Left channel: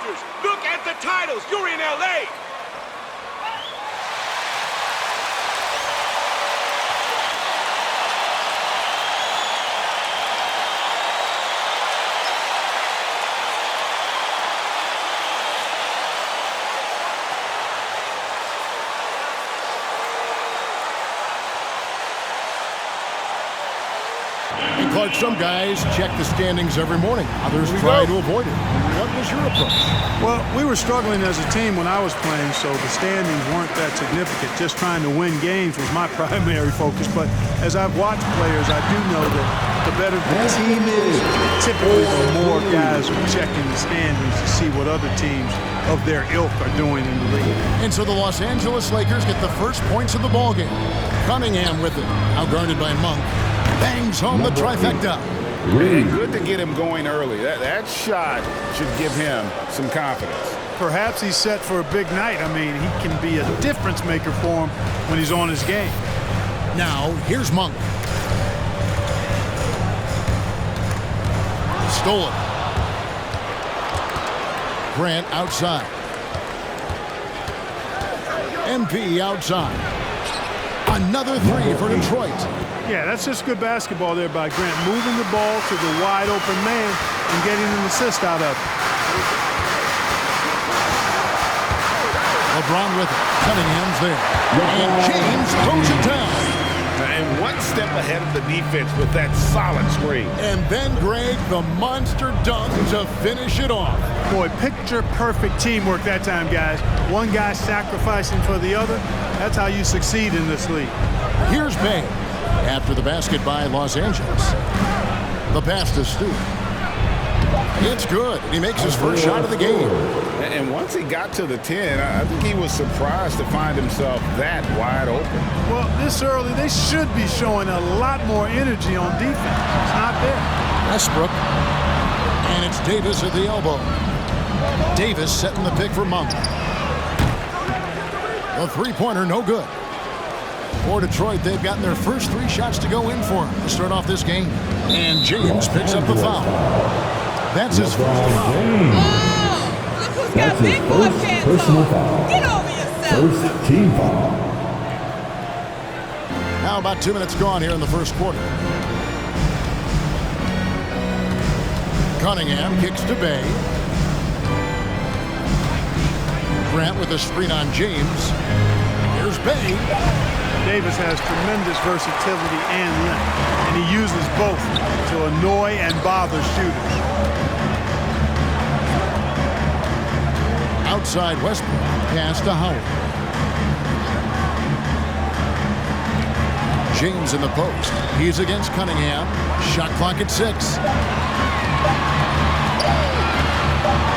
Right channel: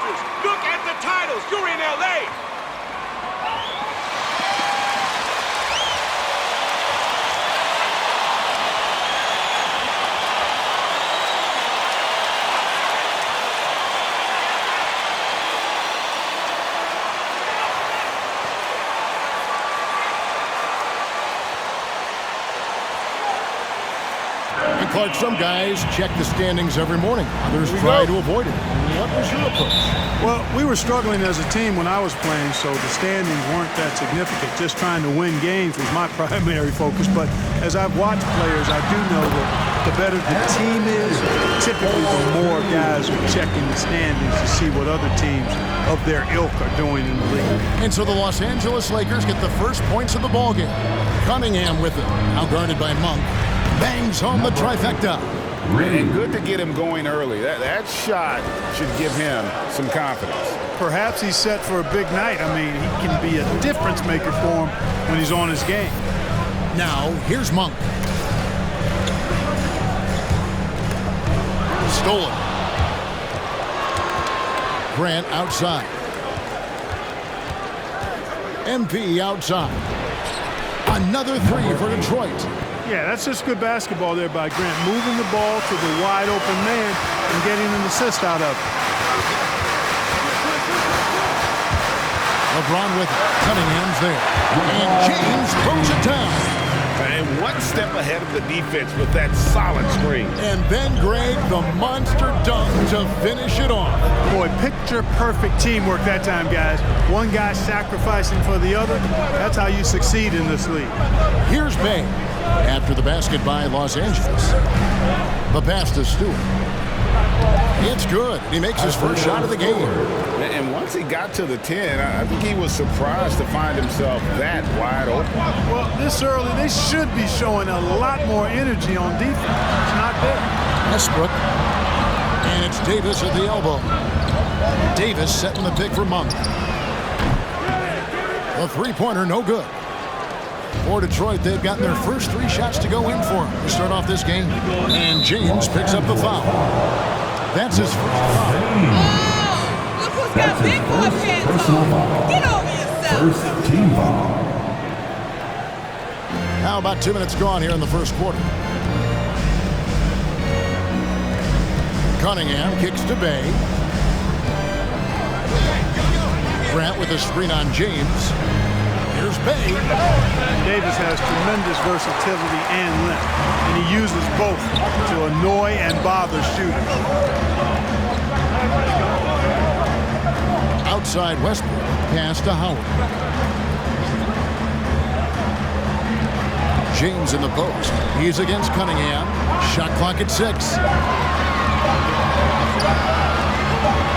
rafters. Look at the titles. You're in L.A. And Clark, some guys check the standings every morning. Others try to avoid it. What was your approach? Well, we were struggling as a team when I was playing, so the standings weren't that significant. Just trying to win games was my primary focus. But as I've watched players, I do know that the better the team is, typically the more guys are checking the standings to see what other teams of their ilk are doing in the league. And so the Los Angeles Lakers get the first points of the ballgame. Cunningham with it, now guarded by Monk. Bangs home the trifecta. And good to get him going early. That shot should give him some confidence. Perhaps he's set for a big night. I mean, he can be a difference maker for him when he's on his game. Now, here's Monk. Stolen. Grant outside. MP outside. Another three for Detroit. Yeah, that's just good basketball there by Grant, moving the ball to the wide open man and getting an assist out of it. LeBron with it. Cunningham's there. And James throws it down. And one step ahead of the defense with that solid screen. And then, Greg, the monster dunk to finish it off. Boy, picture-perfect teamwork that time, guys. One guy sacrificing for the other. That's how you succeed in this league. Here's Bay. After the basket by Los Angeles. The pass to Stewart. It's good. He makes his first shot of the game. And once he got to the 10, I think he was surprised to find himself that wide open. Well, this early, they should be showing a lot more energy on defense. It's not there. Westbrook. And it's Davis at the elbow. Davis setting the pick for Monk. The three-pointer, no good. For Detroit, they've gotten their first three shots to go in for him to start off this game. And James picks up the foul. That's his first foul. Oh, look who's got big boy pants on. Get over yourself. First team foul. Now about 2 minutes gone here in the first quarter. Cunningham kicks to Bay. Grant with a screen on James. Here's Bay. Davis has tremendous versatility and length, and he uses both to annoy and bother shooters. Outside Westbrook, pass to Howard. James in the post. He's against Cunningham. Shot clock at 6.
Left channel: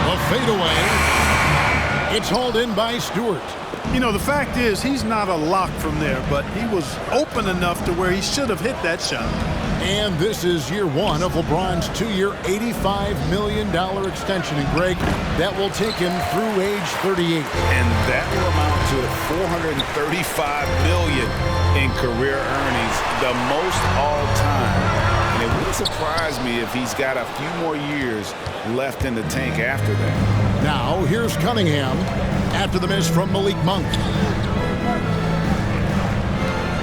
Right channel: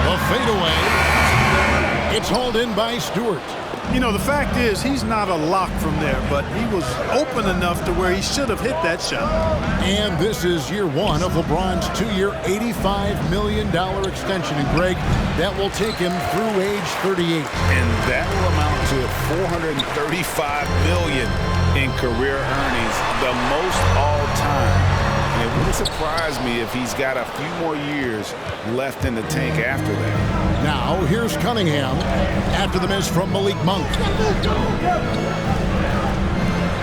The fadeaway. It's hauled in by Stewart. You know, the fact is, he's not a lock from there, but he was open enough to where he should have hit that shot. And this is year one of LeBron's 2-year, $85 million extension. And Greg, that will take him through age 38. And that will amount to $435 million in career earnings, the most all time. And it wouldn't surprise me if he's got a few more years left in the tank after that. Now, here's Cunningham after the miss from Malik Monk.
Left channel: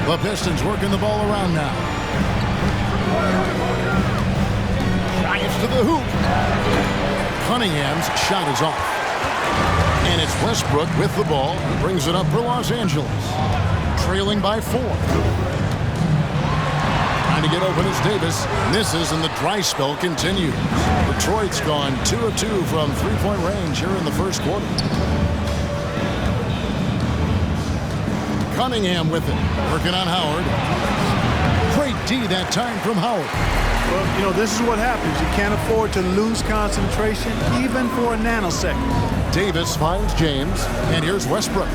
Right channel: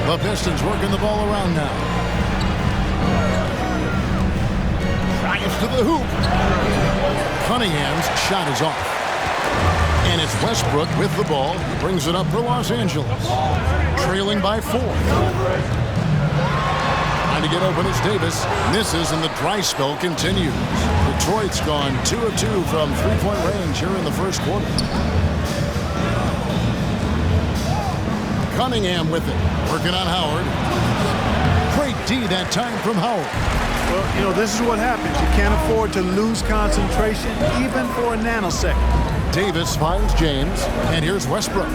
The Pistons working the ball around now. Drives to the hoop. Cunningham's shot is off. And it's Westbrook with the ball. He brings it up for Los Angeles. Trailing by 4. Trying to get open is Davis. Misses and the dry spell continues. Detroit's gone 2 of 2 from three-point range here in the first quarter. Cunningham with it. Working on Howard. Great D that time from Howard. Well, you know, this is what happens. You can't afford to lose concentration even for a nanosecond. Davis finds James. And here's Westbrook.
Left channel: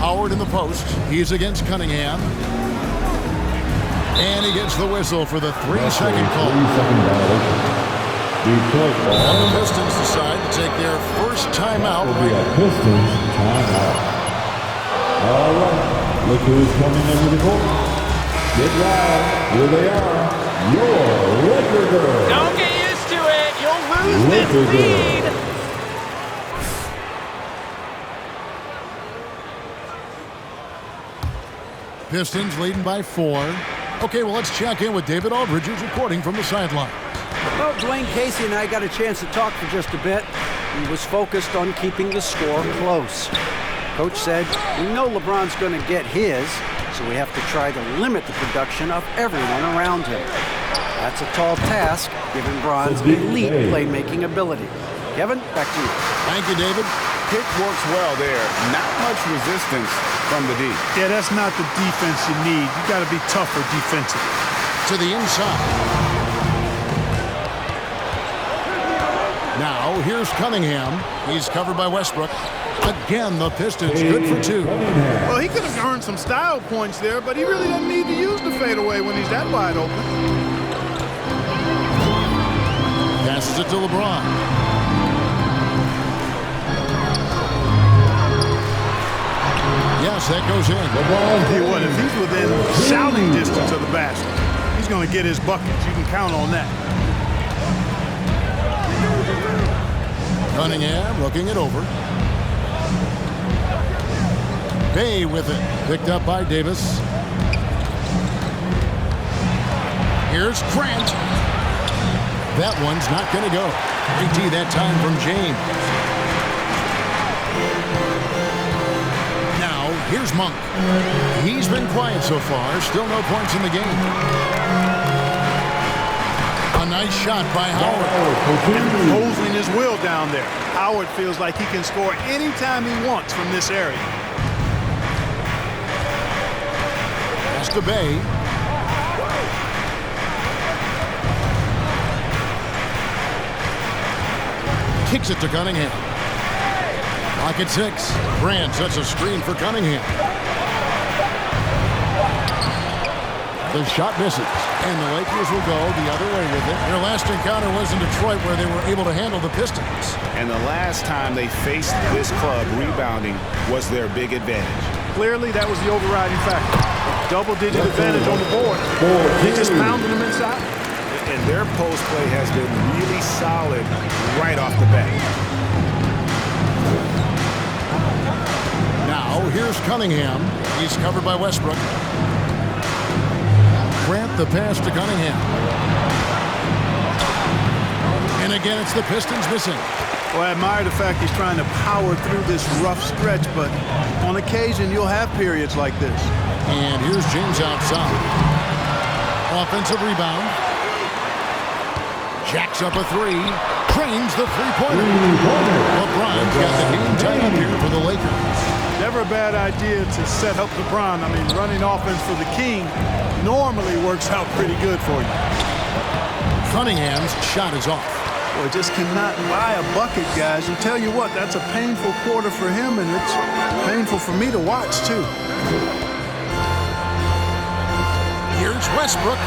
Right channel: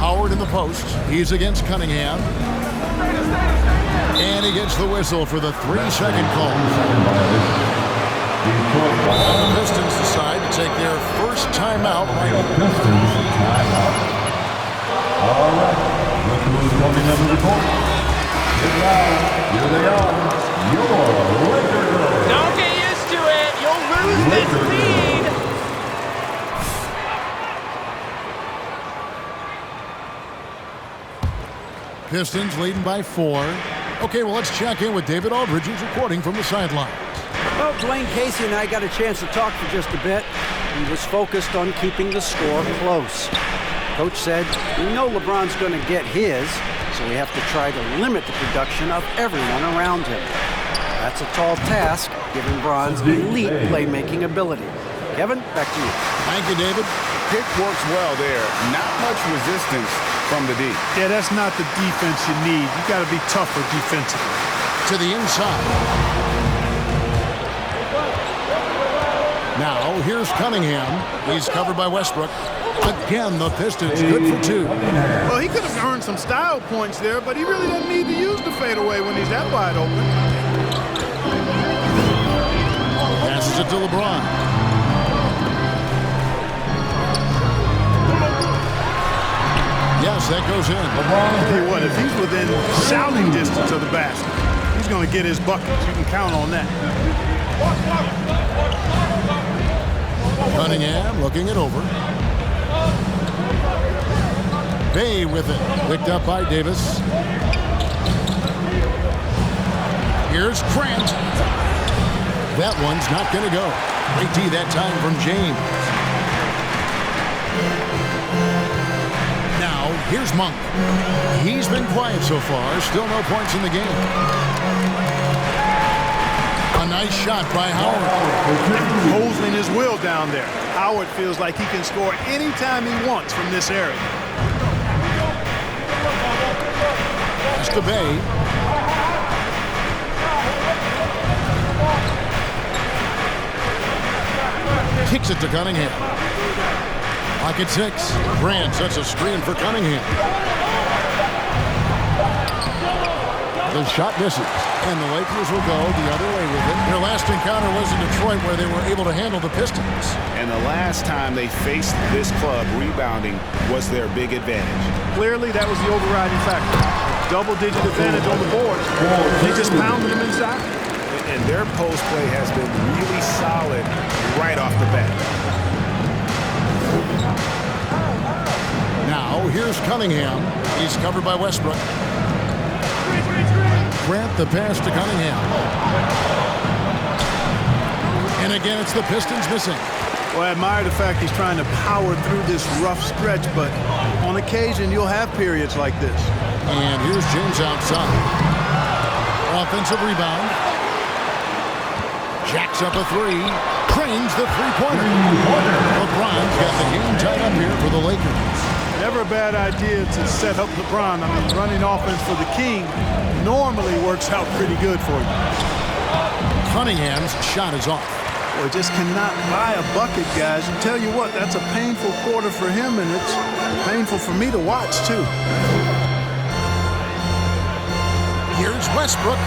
Howard in the post. He's against Cunningham. And he gets the whistle for the 3-second call. 3-second violation. Detroit ball. And the Pistons decide to take their first timeout. Pistons timeout. All right. Look who's coming under the court. Get loud. Here they are. Your Laker girls. Don't get used to it. lose this lead. Pistons leading by 4. Okay, well, let's check in with David Aldridge, who's reporting from the sideline. Well, Dwayne Casey and I got a chance to talk for just a bit. He was focused on keeping the score close. Coach said, we know LeBron's going to get his, so we have to try to limit the production of everyone around him. That's a tall task, given Bron's elite playmaking ability. Kevin, back to you. Thank you, David. Pick works well there. Not much resistance from the D. Yeah, that's not the defense you need. You got to be tougher defensively. To the inside. Now, here's Cunningham. He's covered by Westbrook. Again, the Pistons good for 2. Well, he could have earned some style points there, but he really doesn't need to use the fadeaway when he's that wide open. Passes it to LeBron. Yes, that goes in. I'll tell you what, if he's within shouting distance of the basket, he's going to get his buckets. You can count on that. Cunningham looking it over. Bay with it. Picked up by Davis. Here's Grant. That one's not going to go. Great D that time from James. Now, here's Monk. He's been quiet so far. Still no points in the game. A nice shot by Howard. Imposing his will down there. Howard feels like he can score anytime he wants from this area. Pass to Bay. Kicks it to Cunningham. Pocket 6. Grant sets a screen for Cunningham. The shot misses, and the Lakers will go the other way with it. Their last encounter was in Detroit, where they were able to handle the Pistons. And the last time they faced this club, rebounding was their big advantage. Clearly, that was the overriding factor. A double-digit advantage on the board. They just pounded them inside. And their post play has been really solid right off the bat. Now, here's Cunningham. He's covered by Westbrook. Grant the pass to Cunningham. And again, it's the Pistons missing. Well, I admire the fact he's trying to power through this rough stretch, but on occasion, you'll have periods like this. And here's James outside. Offensive rebound. Jacks up a 3. Trains the three-pointer. LeBron's got the game tied up here for the Lakers. Never a bad idea to set up LeBron. I mean, running offense for the King normally works out pretty good for you. Cunningham's shot is off. Boy, just cannot buy a bucket, guys. And tell you what, that's a painful quarter for him, and it's painful for me to watch, too. Here's Westbrook.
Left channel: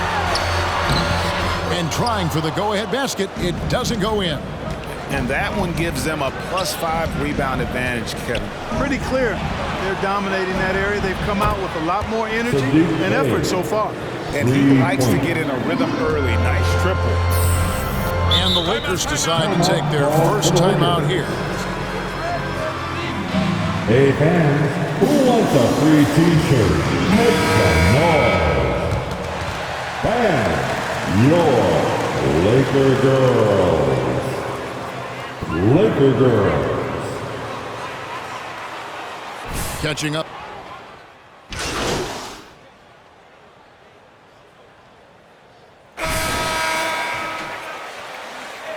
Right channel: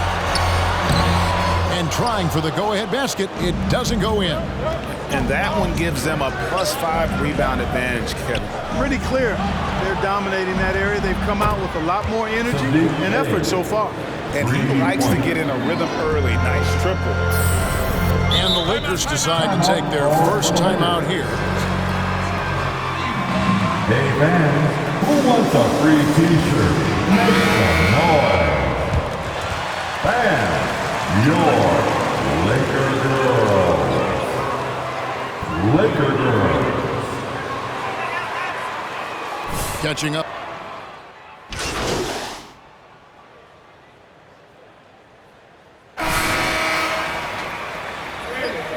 And trying for the go-ahead basket. It doesn't go in. And that one gives them a +5 rebound advantage, Kevin. Pretty clear. They're dominating that area. They've come out with a lot more energy and effort so far. And he likes to get in a rhythm early. Nice triple. And the Lakers decide to take their first time out here. Hey fans, who wants a free t-shirt? Make some noise. Fans, your Laker girls. Laker girls. Catching up.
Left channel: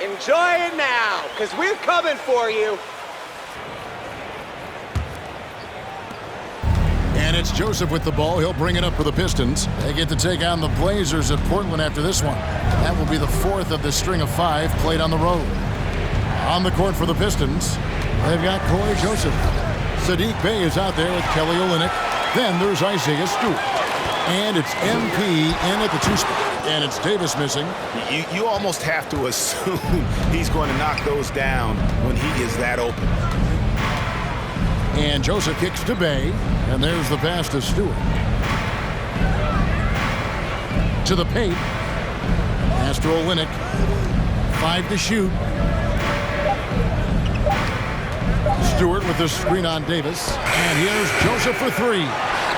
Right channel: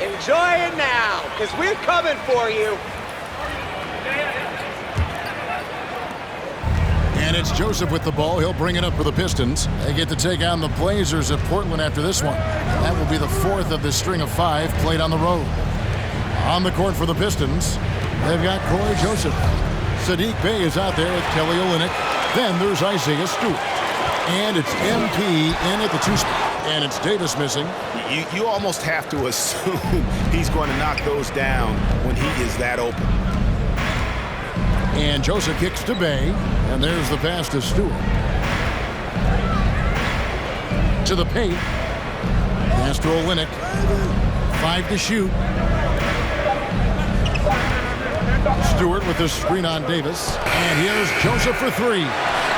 Enjoy it now, because we're coming for you. And it's Joseph with the ball. He'll bring it up for the Pistons. They get to take on the Blazers at Portland after this one. That will be the 4th of the string of 5 played on the road. On the court for the Pistons, they've got Corey Joseph. Sadiq Bey is out there with Kelly Olynyk. Then there's Isaiah Stewart. And it's MP in at the 2 spot. And it's Davis missing. You almost have to assume he's going to knock those down when he is that open. And Joseph kicks to Bey. And there's the pass to Stewart. To the paint. Pass to Olynyk. 5 to shoot. Stewart with the screen on Davis. And here's Joseph for 3.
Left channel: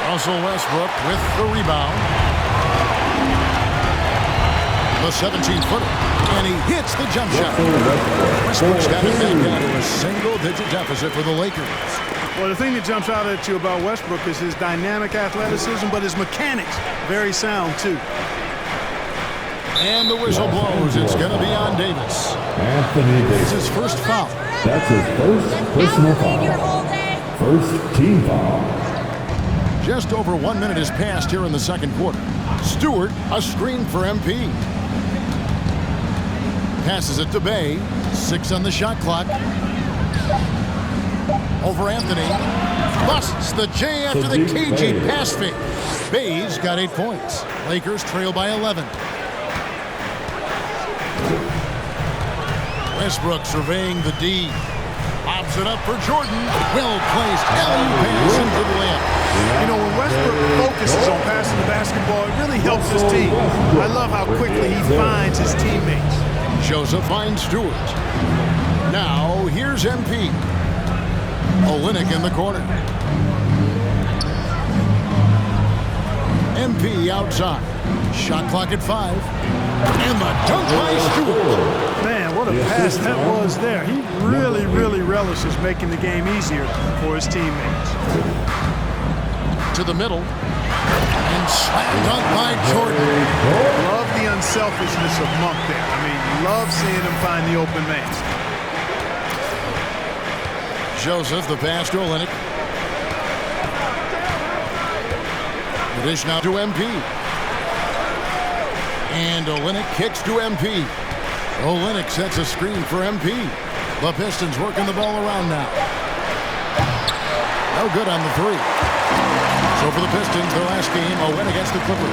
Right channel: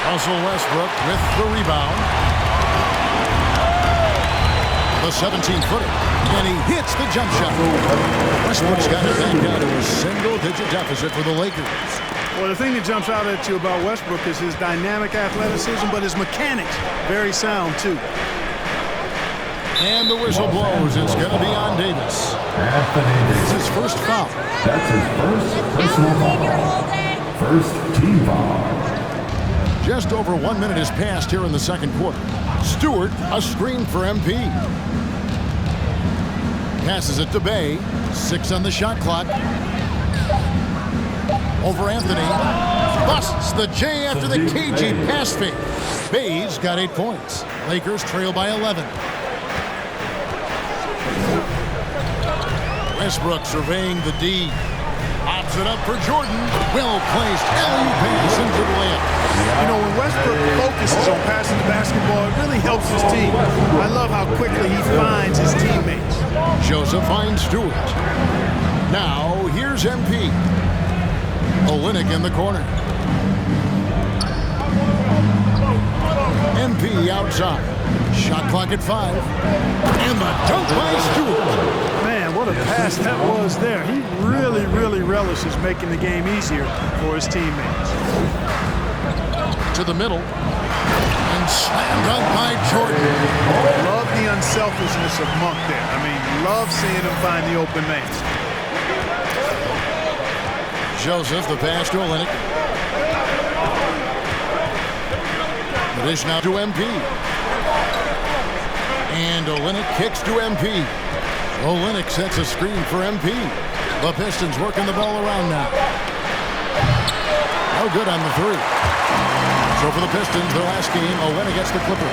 Russell Westbrook with the rebound. The 17-footer. And he hits the jump shot. Westbrook's got it back down to a single-digit deficit for the Lakers. Well, the thing that jumps out at you about Westbrook is his dynamic athleticism, but his mechanics, very sound, too. And the whistle blows. It's going to be on Davis. Anthony Davis. It's his first foul. That's his first personal foul. First team foul. Just over 1 minute has passed here in the second quarter. Stewart, a screen for MP. Passes it to Bay. 6 on the shot clock. Over Anthony. Busts the J after the cagey pass fake. Bay's got 8 points. Lakers trail by 11. Westbrook surveying the D. Lobs it up for Jordan. Well placed. Alley-oop pass into the layup. You know, when Westbrook focuses on passing the basketball, it really helps his team. I love how quickly he finds his teammates. Joseph finds Stewart. Now, here's MP. Olynyk in the corner. MP outside. Shot clock at 5. And the dunk by Stewart. Man, what a pass that was there. He really, really relishes making the game easier for his teammates. To the middle. And slam dunk by Jordan. Love the unselfishness of Monk there. I mean, love seeing him find the open man. Joseph, the pass to Olynyk. The dish now to MP. And Olynyk kicks to MP. Olynyk sets a screen for MP. The Pistons working the ball around now. No good on the 3. So for the Pistons, their last game, a win against the Clippers.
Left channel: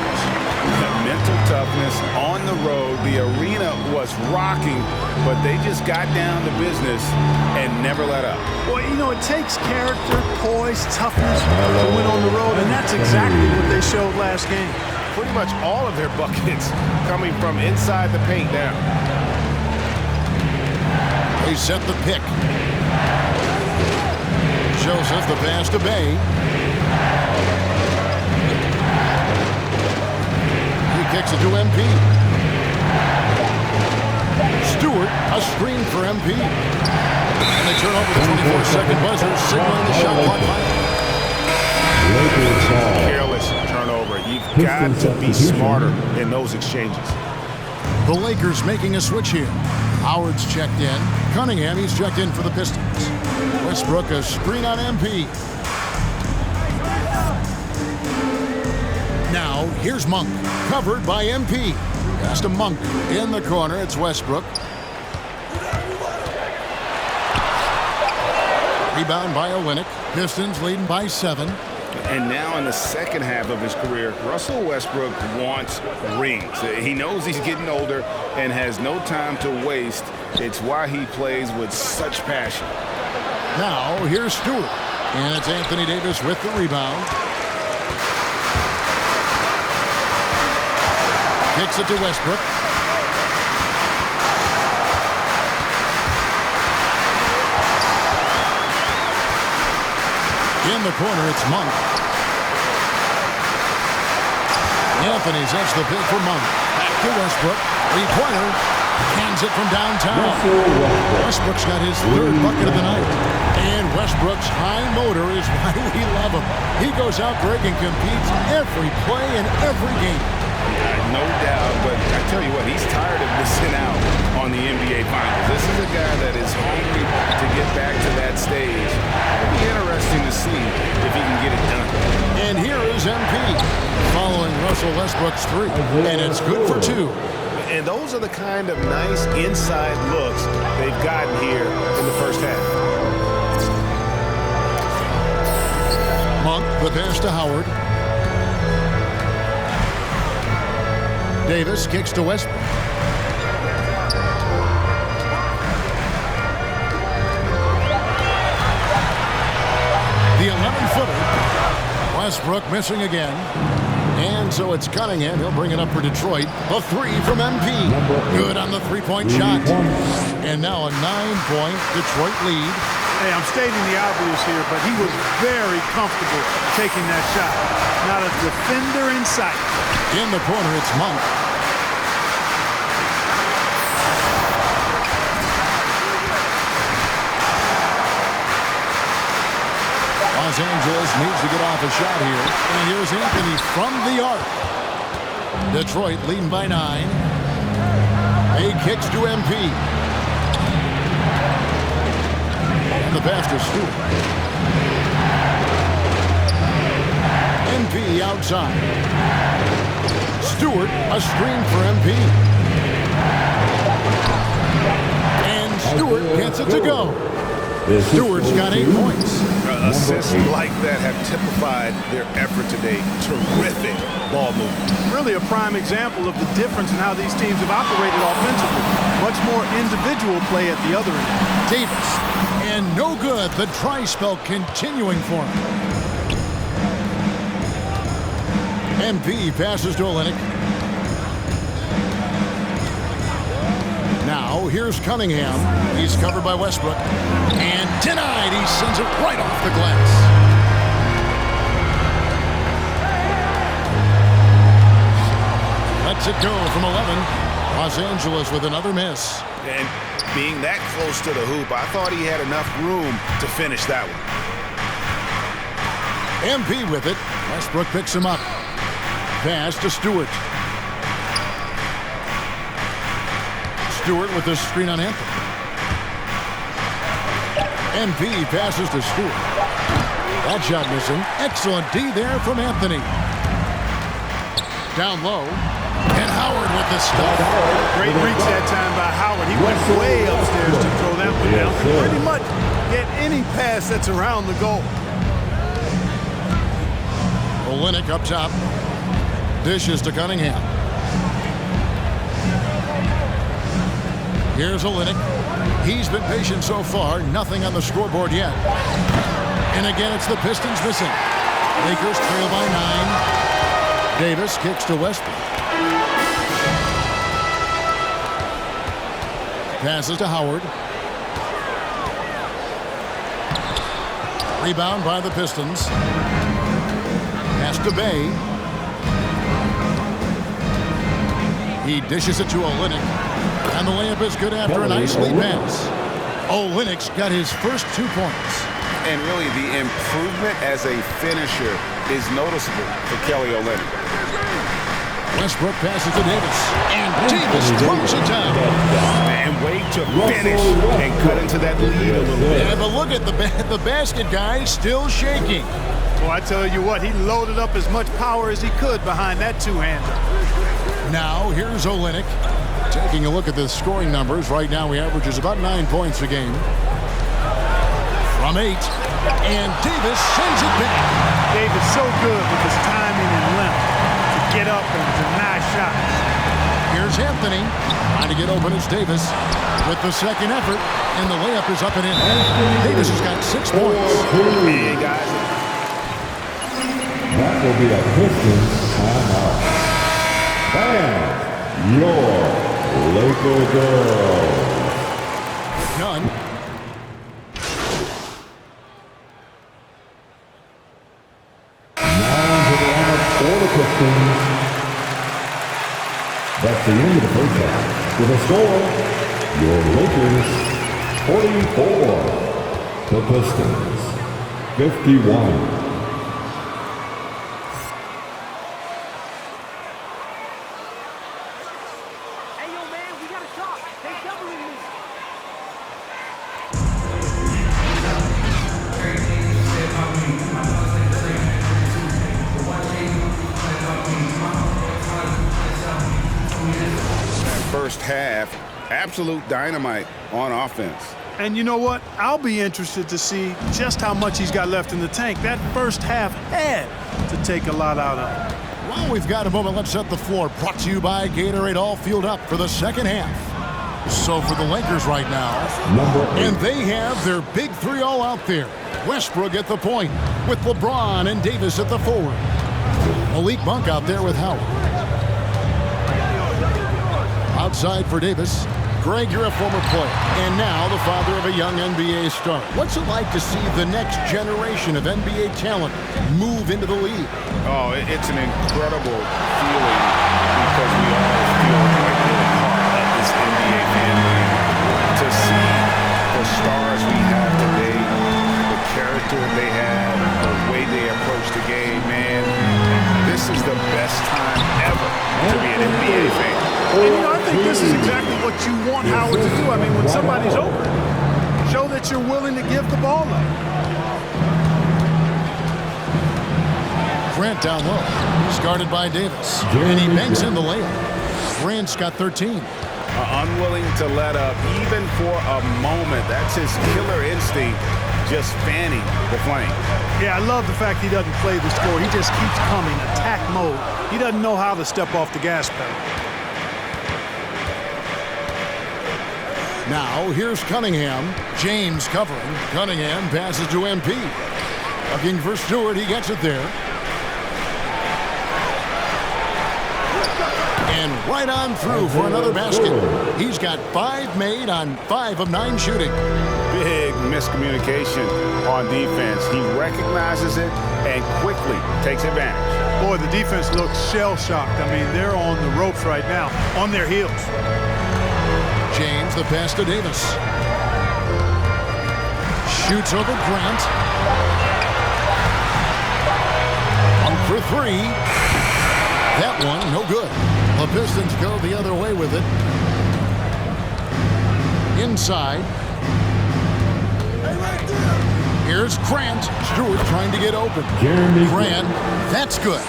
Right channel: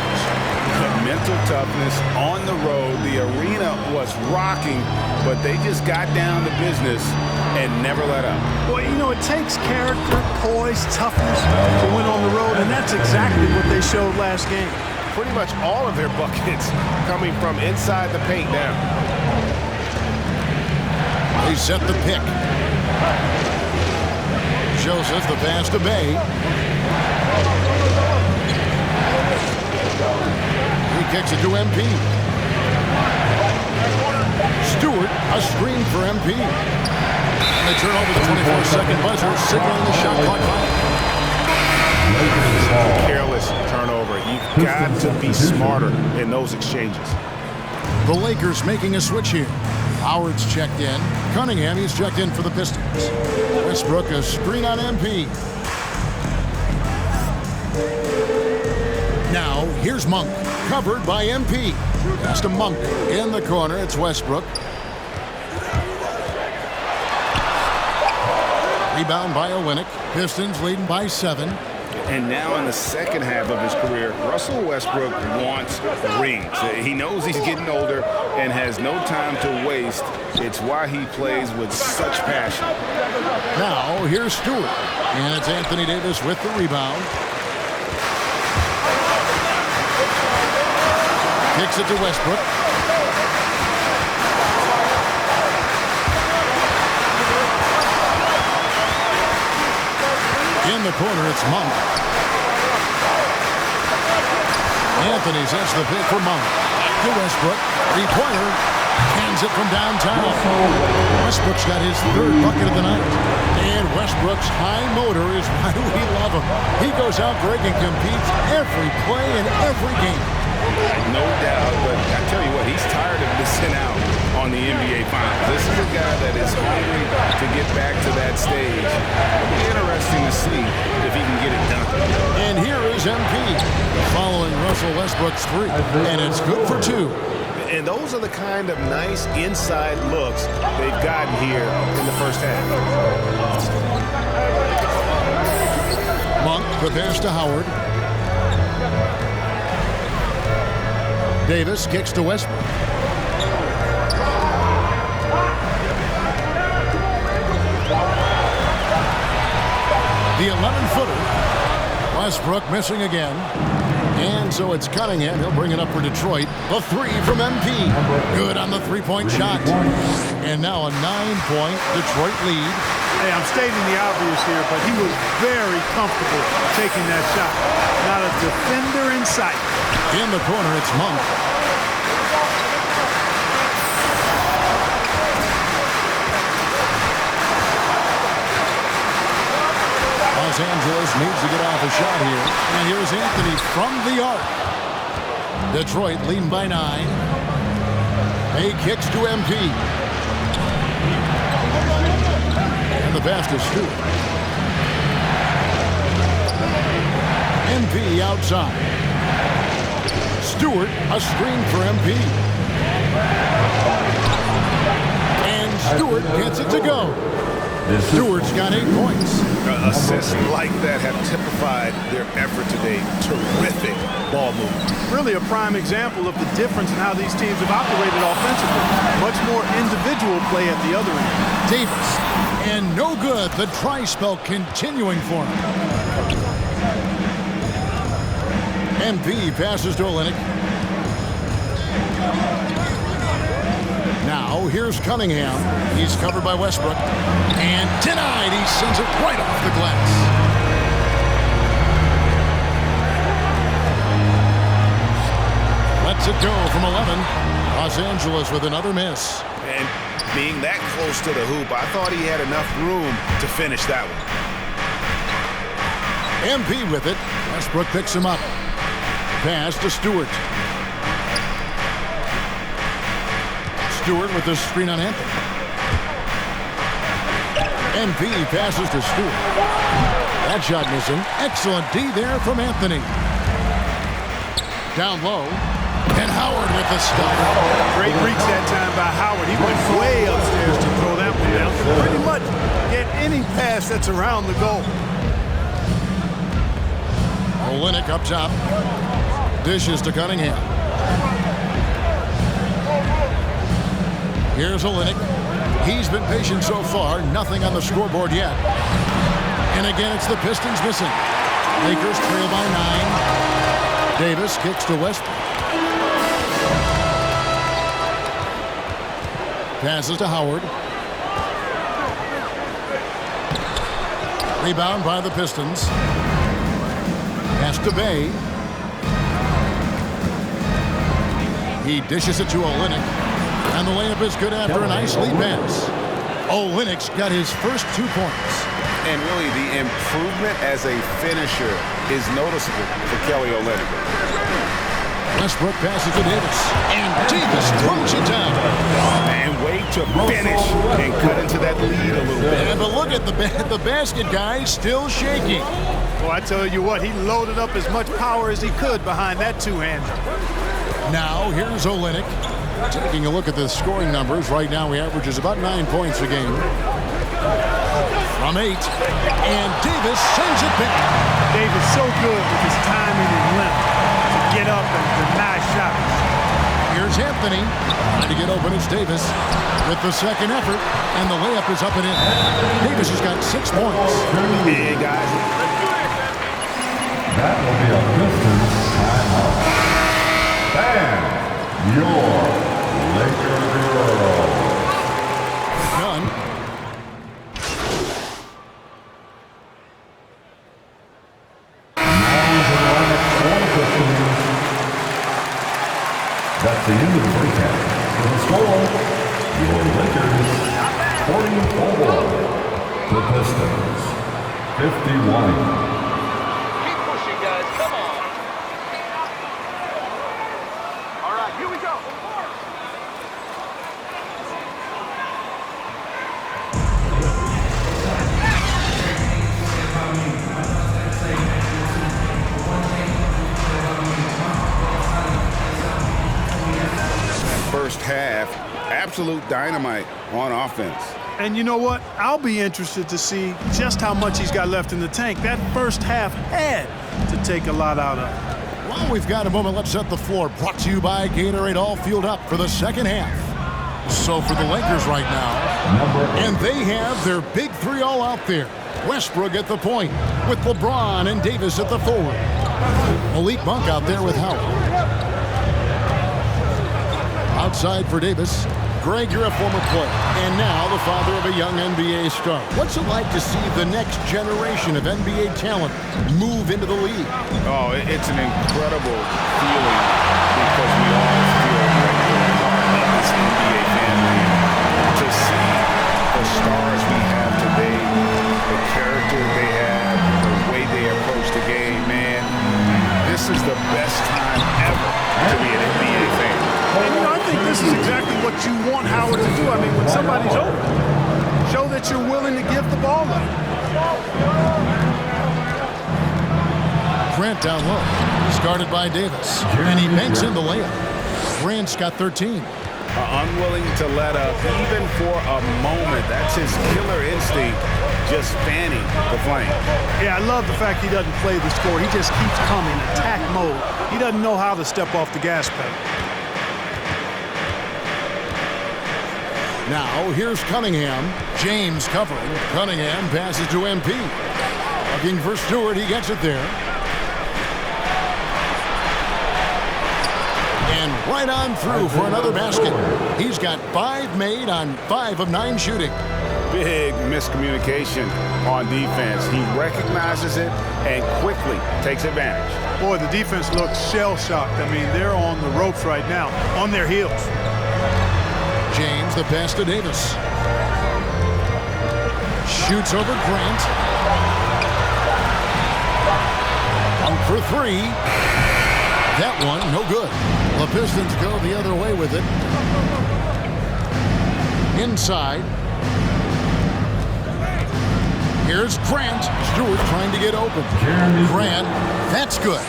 Mental toughness on the road. The arena was rocking, but they just got down to business and never let up. Well, you know, it takes character, poise, toughness to win on the road, and that's exactly what they showed last game. Pretty much all of their buckets coming from inside the paint now. They set the pick. Joseph, the pass to Bay. He kicks it to MP. Stewart, a screen for MP. And they turn over the 24-second buzzer, signaling the shot clock final. Careless turnover. You've got to be smarter in those exchanges. The Lakers making a switch here. Howard's checked in. Cunningham, he's checked in for the Pistons. Westbrook, a screen on MP. Now, here's Monk, covered by MP. Pass to Monk. In the corner, it's Westbrook. Rebound by Olynyk. Pistons leading by 7. And now in the second half of his career, Russell Westbrook wants rings. He knows he's getting older and has no time to waste. It's why he plays with such passion. Now, here's Stewart. And it's Anthony Davis with the rebound. Kicks it to Westbrook. In the corner, it's Monk. Anthony sets the pick for Monk. Back to Westbrook. Three-pointer. Cans it from downtown. Westbrook's got his 3rd bucket of the night. And Westbrook's high motor is why we love him. He goes out, Greg, and competes every play in every game. No doubt, but I tell you what, he's tired of missing out on the NBA Finals. This is a guy that is hungry to get back to that stage. It'll be interesting to see if he can get it done. And here is MP following Russell Westbrook's 3. And it's good for 2. And those are the kind of nice inside looks they've gotten here in the first half. Monk, the pass to Howard. Davis kicks to Westbrook. The 11-footer. Westbrook missing again. And so it's Cunningham. He'll bring it up for Detroit. The three from MP. Good on the three-point shot. And now a 9-point Detroit lead. Hey, I'm stating the obvious here, but he was very comfortable taking that shot. Not a defender in sight. In the corner, it's Monk. Los Angeles needs to get off a shot here. And here's Anthony from the arc. Detroit leading by 9. Bay kicks to MP. And the pass to Stewart. MP outside. Stewart, a screen for MP. And Stewart gets it to go. Stewart's got 8 points. Assists like that have typified their effort today. Terrific ball movement. Really a prime example of the difference in how these teams have operated offensively. Much more individual play at the other end. Davis. And no good. The try spell continuing for him. MP passes to Olynyk. Now, here's Cunningham. He's covered by Westbrook. And denied. He sends it right off the glass. Lets it go from 11. Los Angeles with another miss. And being that close to the hoop, I thought he had enough room to finish that one. MP with it. Westbrook picks him up. Pass to Stewart. Stewart with the screen on Anthony. MP passes to Stewart. That shot missing. Excellent D there from Anthony. Down low. And Howard with the stop. Great reach that time by Howard. He went way upstairs to throw that one down. Can pretty much get any pass that's around the goal. Olynyk up top. Dishes to Cunningham. Here's Olynyk. He's been patient so far. Nothing on the scoreboard yet. And again, it's the Pistons missing. Lakers trail by 9. Davis kicks to Westbrook. Passes to Howard. Rebound by the Pistons. Pass to Bay. He dishes it to Olynyk. And the layup is good after a nice lead pass. Olynyk's got his first 2 points. And really, the improvement as a finisher is noticeable for Kelly Olynyk. Westbrook passes to Davis. And Davis throws it down. And way to finish and cut into that lead a little bit. Yeah, but look at the basket guy still shaking. Well, I tell you what, he loaded up as much power as he could behind that two-hander. Now, here's Olynyk. Taking a look at the scoring numbers. Right now, he averages about 9 points a game. From 8. And Davis sends it back. Davis so good with his timing and length to get up and deny shots. Here's Anthony. Trying to get open is Davis with the second effort. And the layup is up and in. Davis has got 6 points. And guys, That will be a Pistons timeout. And your Laker girls. With none. Now to the lineup for the Pistons. That's the end of the first half. With a score, your Lakers 44. The Pistons 51. First half, absolute dynamite on offense. And you know what? I'll be interested to see just how much he's got left in the tank. That first half had to take a lot out of him. While we've got a moment, let's set the floor. Brought to you by Gatorade, all fueled up for the second half. So for the Lakers right now, and they have their big 3 all out there. Westbrook at the point with LeBron and Davis at the forward. Malik Monk out there with Howard. Outside for Davis. Greg, you're a former player, and now the father of a young NBA star. What's it like to see the next generation of NBA talent move into the league? Oh, it's an incredible feeling because we all feel like we're a part of this NBA family. And to see the stars we have today, the character they have, the way they approach the game, man, this is the best time ever to be an NBA fan. And, I think this is exactly what you want Howard to do. I mean, when somebody's open, show that you're willing to give the ball up. Grant down low. He's guarded by Davis. And he banks in the layup. Grant's got 13. Unwilling to let up even for a moment. That's his killer instinct, just fanning the flame. Yeah, I love the fact he doesn't play the score. He just keeps coming, attack mode. He doesn't know how to step off the gas pedal. Now, here's Cunningham. James covering. Cunningham passes to MP. Looking for Stewart. He gets it there. And right on through for another basket. He's got 5 made on 5 of 9 shooting. Big miscommunication on defense. He recognizes it and quickly takes advantage. Boy, the defense looks shell-shocked. I mean, they're on the ropes right now, on their heels. James, the pass to Davis. Shoots over Grant. Dunk for 3. That one, no good. The Pistons go the other way with it. Inside. Here's Grant. Stewart trying to get open. Grant, that's good.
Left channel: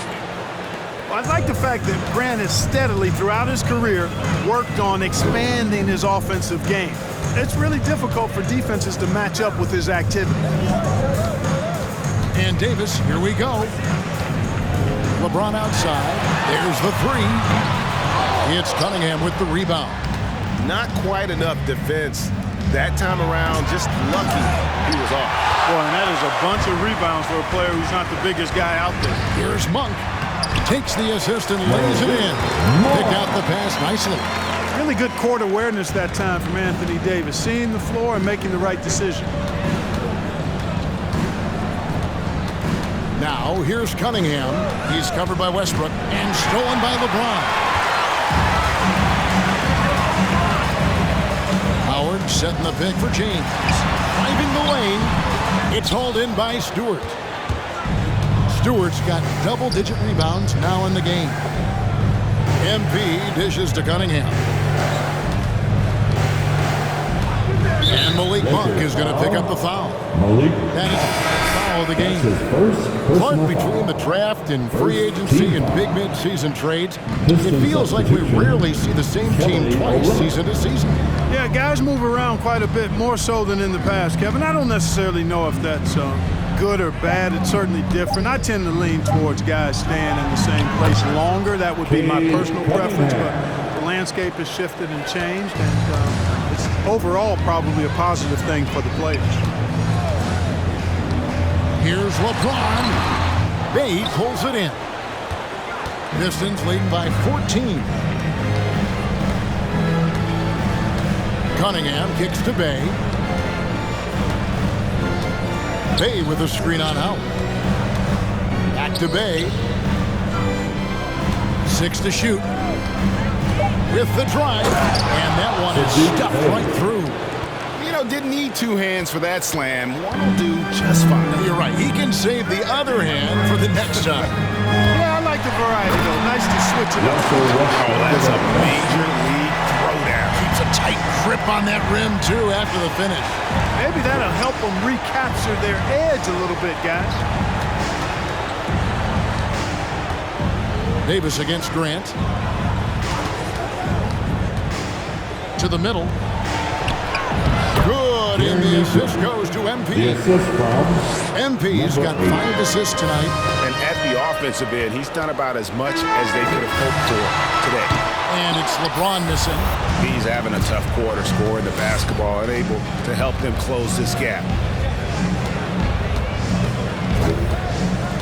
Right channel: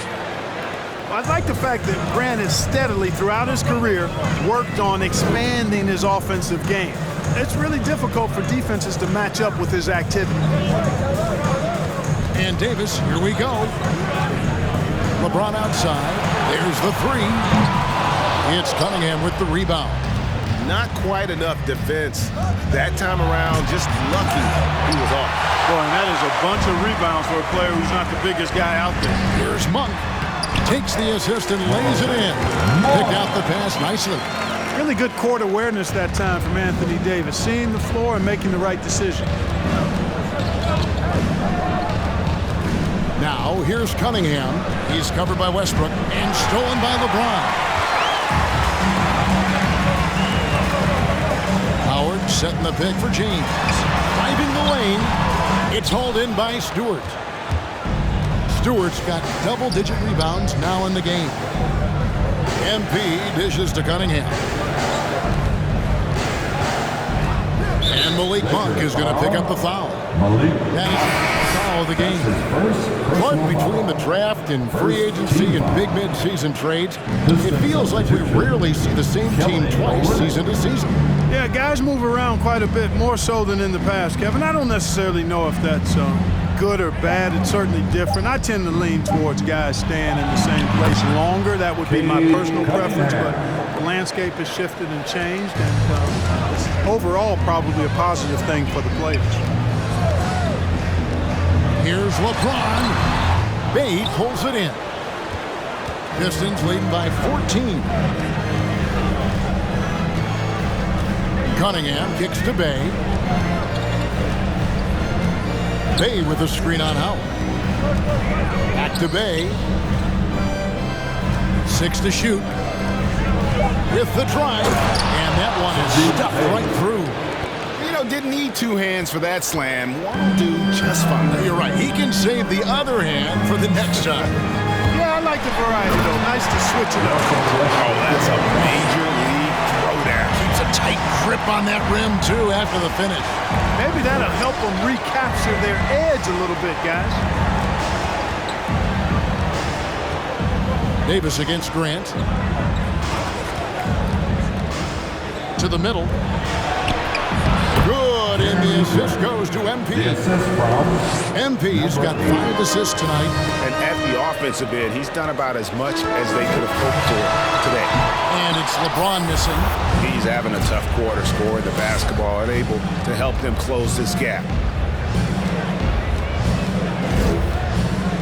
Well, I like the fact that Grant has steadily, throughout his career, worked on expanding his offensive game. It's really difficult for defenses to match up with his activity. And Davis, here we go. LeBron outside. There's the 3. It's Cunningham with the rebound. Not quite enough defense that time around. Just lucky he was off. Boy, and that is a bunch of rebounds for a player who's not the biggest guy out there. Here's Monk. Takes the assist and lays it in. Picked out the pass nicely. Really good court awareness that time from Anthony Davis, seeing the floor and making the right decision. Now, here's Cunningham. He's covered by Westbrook and stolen by LeBron. Howard setting the pick for James. Driving the lane. It's hauled in by Stewart. Stewart's got double-digit rebounds now in the game. MP dishes to Cunningham. And Malik Monk is going to pick up the foul. That is the foul of the game. But between the draft and free agency and big mid-season trades, it feels like we rarely see the same team twice season to season. Yeah, guys move around quite a bit, more so than in the past, Kevin. I don't necessarily know if that's good or bad. It's certainly different. I tend to lean towards guys staying in the same place longer. That would be my personal preference, but the landscape has shifted and changed, and it's overall probably a positive thing for the players. Here's LeBron. Bay pulls it in. Pistons leading by 14. Cunningham kicks to Bay. Bay with a screen on Howard. Back to Bay. 6 to shoot. With the drive. And that one is stuffed right through. You know, didn't need 2 hands for that slam. One will do just fine. You're right. He can save the other hand for the next time. Yeah, I like the variety, though. Nice to switch it up. Oh, that's a major league throwdown. Keeps a tight grip on that rim, too, after the finish. Maybe that'll help them recapture their edge a little bit, guys. Davis against Grant. To the middle. Good, and the assist goes to MP. The assist from MP's got 5 assists tonight. And at the offensive end, he's done about as much as they could have hoped for today. And it's LeBron missing. He's having a tough quarter, scoring the basketball and able to help them close this gap.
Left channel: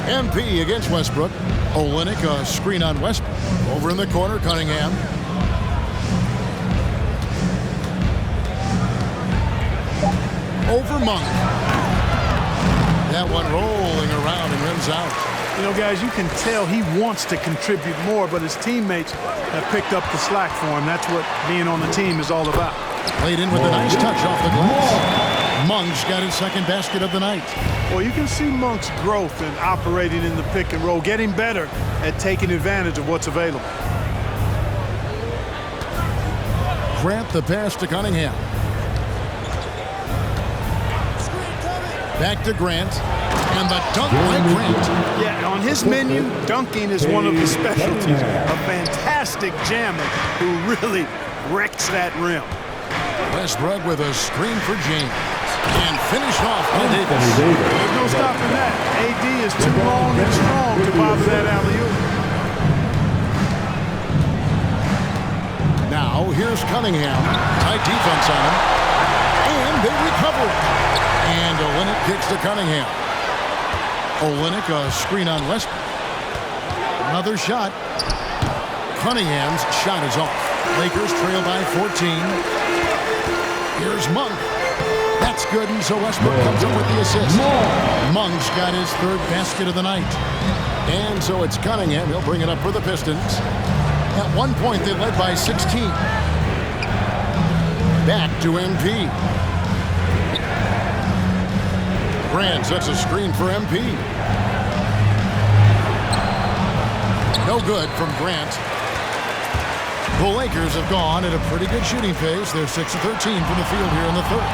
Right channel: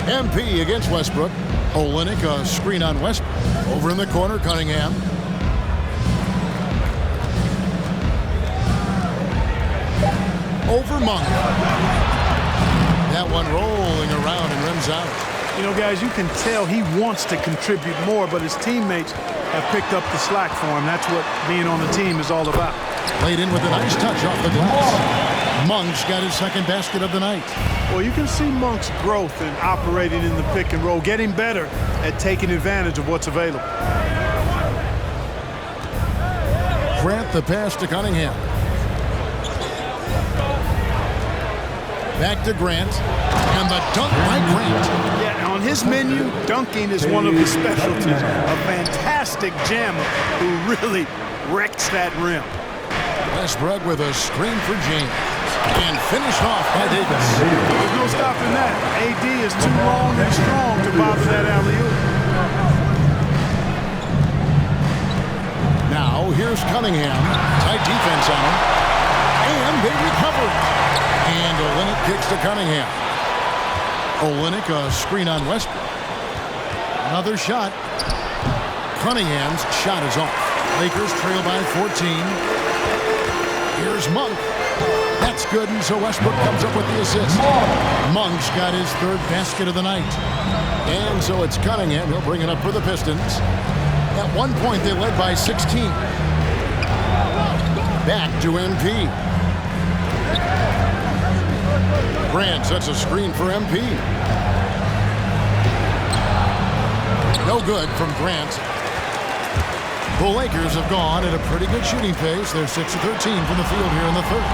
MP against Westbrook. Olynyk, a screen on Westbrook. Over in the corner, Cunningham. Over Monk. That one rolling around and rims out. You know, guys, you can tell he wants to contribute more, but his teammates have picked up the slack for him. That's what being on the team is all about. Played in with a nice touch off the glass. Monk's got his second basket of the night. Well, you can see Monk's growth in operating in the pick and roll, getting better at taking advantage of what's available. Grant the pass to Cunningham. Back to Grant. And the dunk by Grant. Yeah, on his menu, dunking is one of his specialties. A fantastic jammer who really wrecks that rim. Westbrook with a screen for James. And finished off by Davis. There's no stopping that. AD is too long and strong to bother that alley-oop. Now, here's Cunningham. Tight defense on him. And they recover it. And Olynyk kicks to Cunningham. Olynyk, a screen on Westbrook. Another shot. Cunningham's shot is off. Lakers trail by 14. Here's Monk. That's good, and so Westbrook comes up with the assist. Monk's got his third basket of the night. And so it's Cunningham. He'll bring it up for the Pistons. At one point, they led by 16. Back to MP. Grant sets a screen for MP. No good from Grant. The Lakers have gone at a pretty good shooting pace. They're 6 of 13 from the field here in the third.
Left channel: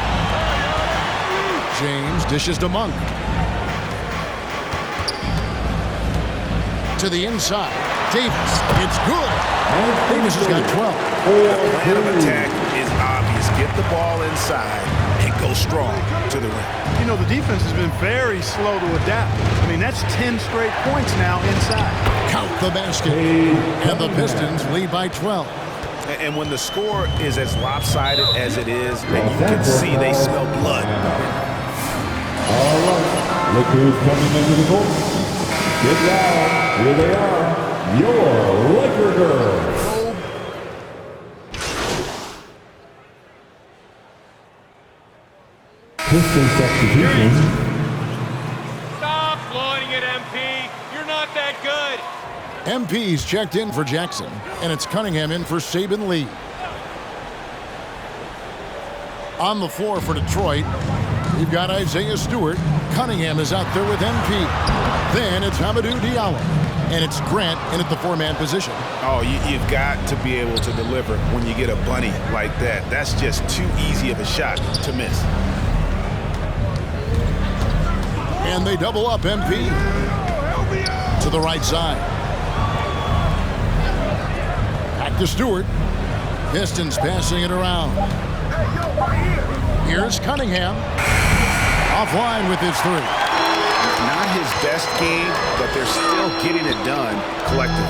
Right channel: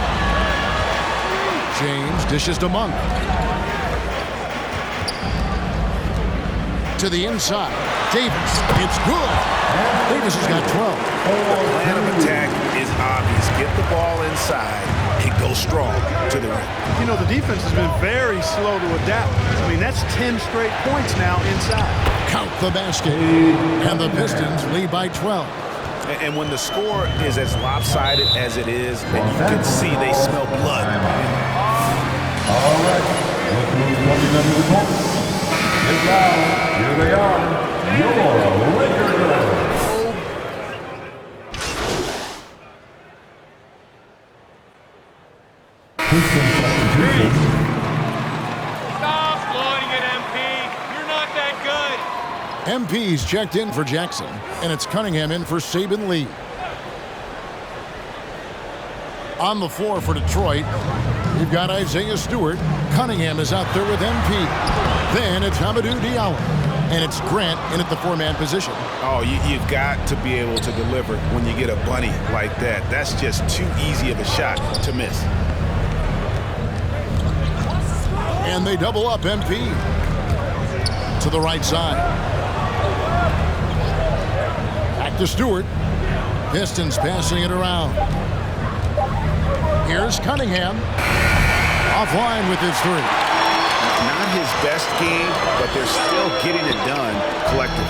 James dishes to Monk. To the inside. Davis. It's good. Davis has got 12. The plan of attack is obvious. Get the ball inside and go strong to the rim. You know, the defense has been very slow to adapt. I mean, that's 10 straight points now inside. Count the basket. And the Pistons lead by 12. And when the score is as lopsided as it is, and you can see they smell blood. All right, look who's coming into the court. Get loud. Here they are. Your Laker girls. Piston substitution. Stop floating it, MP. You're not that good. MP's checked in for Jackson, and it's Cunningham in for Saban Lee. On the floor for Detroit, we've got Isaiah Stewart. Cunningham is out there with MP. Then it's Hamidou Diallo. And it's Grant in at the four-man position. Oh, you've got to be able to deliver when you get a bunny like that. That's just too easy of a shot to miss. And they double up MP. To the right side. Back to Stewart. Pistons passing it around. Here's Cunningham. Offline with his three. Not his best game, but they're still getting it done collectively.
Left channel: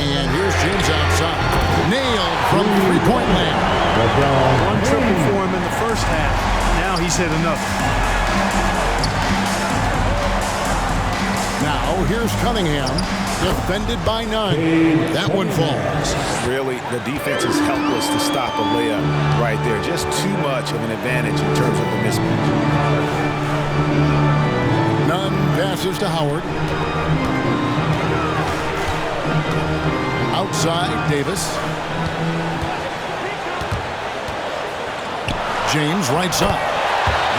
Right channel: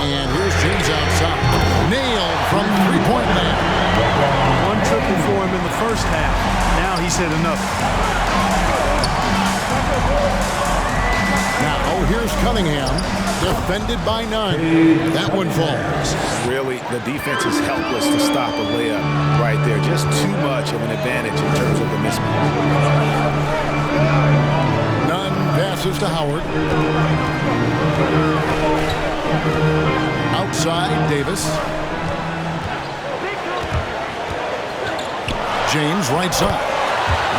And here's James outside. Nailed from three-point land. One triple for him in the first half. Now he's hit another. Now here's Cunningham. Defended by none. That one falls. Really, the defense is helpless to stop a layup right there. Just too much of an advantage in terms of the mismatch. Nunn passes to Howard. Outside, Davis. James right side.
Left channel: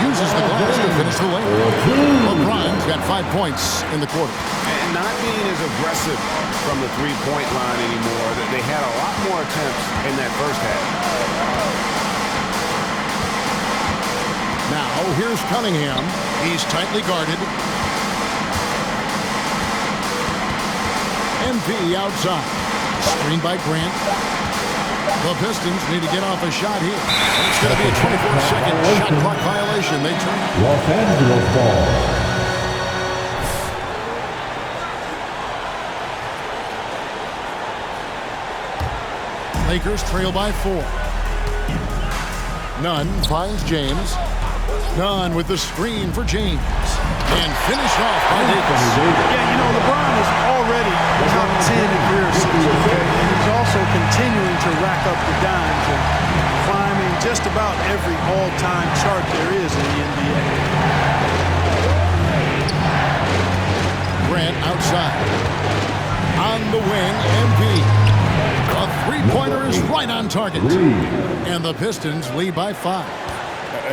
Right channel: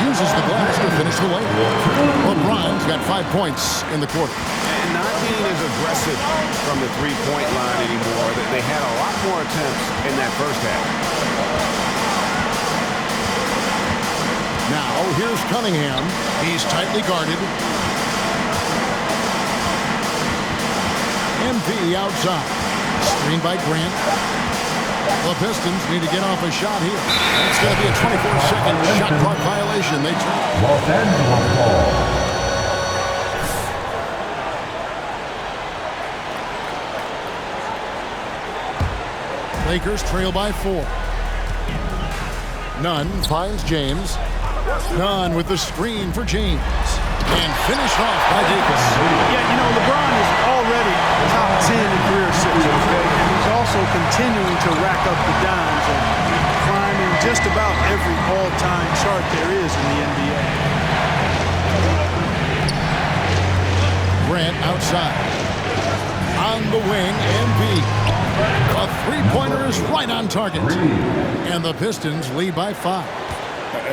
Uses the glass to finish the layup. LeBron's got 5 points in the quarter. And not being as aggressive from the three-point line anymore. They had a lot more attempts in that first half. Now, here's Cunningham. He's tightly guarded. MP outside. Screened by Grant. The Pistons need to get off a shot here. And it's going to be a 24-second shot clock violation. They turn. Los Angeles ball. Lakers trail by 4. Nunn finds James. Nunn with the screen for James. And finished off by Davis. Yeah, you know, LeBron is already top 10 in career assists, okay? And he's also continuing to rack up the dimes and climbing just about every all-time chart there is in the NBA. Grant outside. On the wing, MP. A three-pointer is right on target. And the Pistons lead by 5.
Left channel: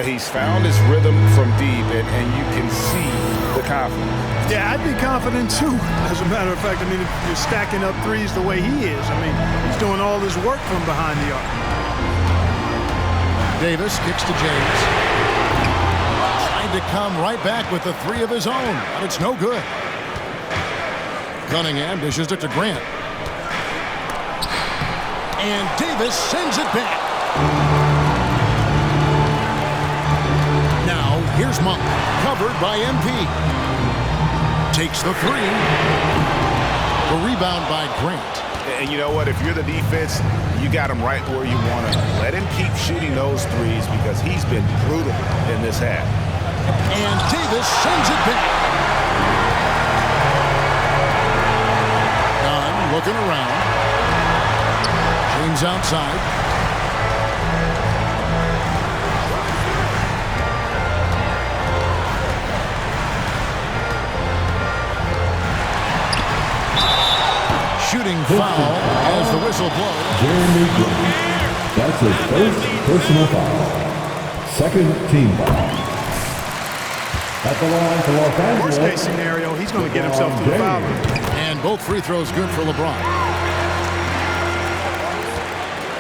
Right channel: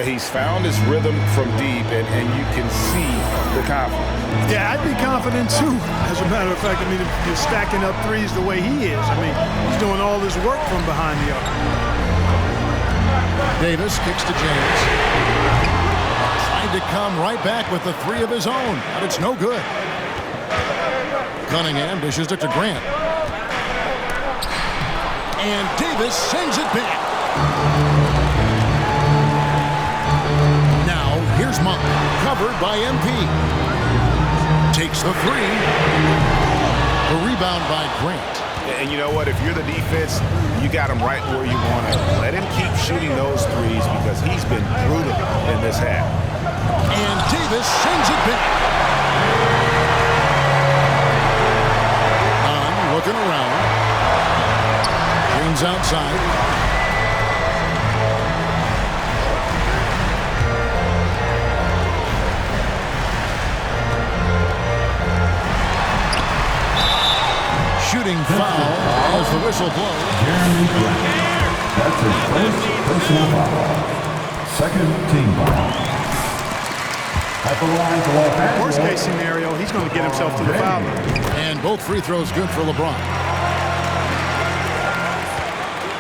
He's found his rhythm from deep, and you can see the confidence. Yeah, I'd be confident too, as a matter of fact. I mean, if you're stacking up threes the way he is, I mean, he's doing all this work from behind the arc. Davis kicks to James. Trying to come right back with the 3 of his own, but it's no good. Cunningham dishes it to Grant. And Davis sends it back. Now, here's Monk, covered by MP. Takes the 3. The rebound by Grant. And you know what? If you're the defense, you got him right where you want to. Let him keep shooting those threes because he's been brutal in this half. And Davis sends it back. Nunn looking around. James outside. Shooting foul as the whistle blows. Jeremy Grant. That's his first personal foul. Second team foul. At the line for Los Angeles. Worst case scenario, he's going to get himself to the foul line. And both free throws good for LeBron.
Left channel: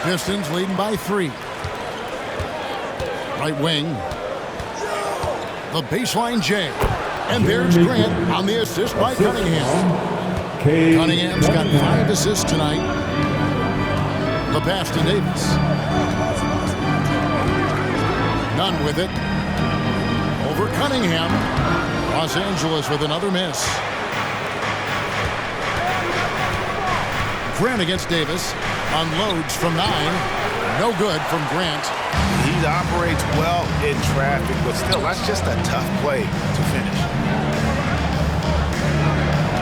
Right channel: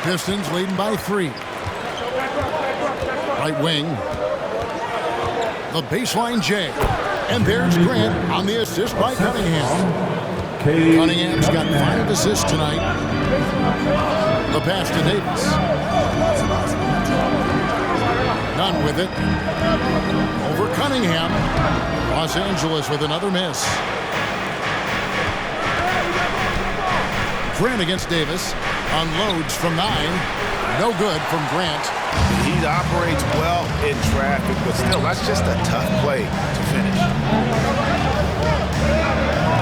Pistons leading by 3. Right wing. The baseline J. And there's Grant on the assist by Cunningham. Cunningham's got 5 assists tonight. The pass to Davis. None with it. Over Cunningham. Los Angeles with another miss. Grant against Davis. Unloads from 9. No good from Grant. He operates well in traffic, but still, that's just a tough play to finish.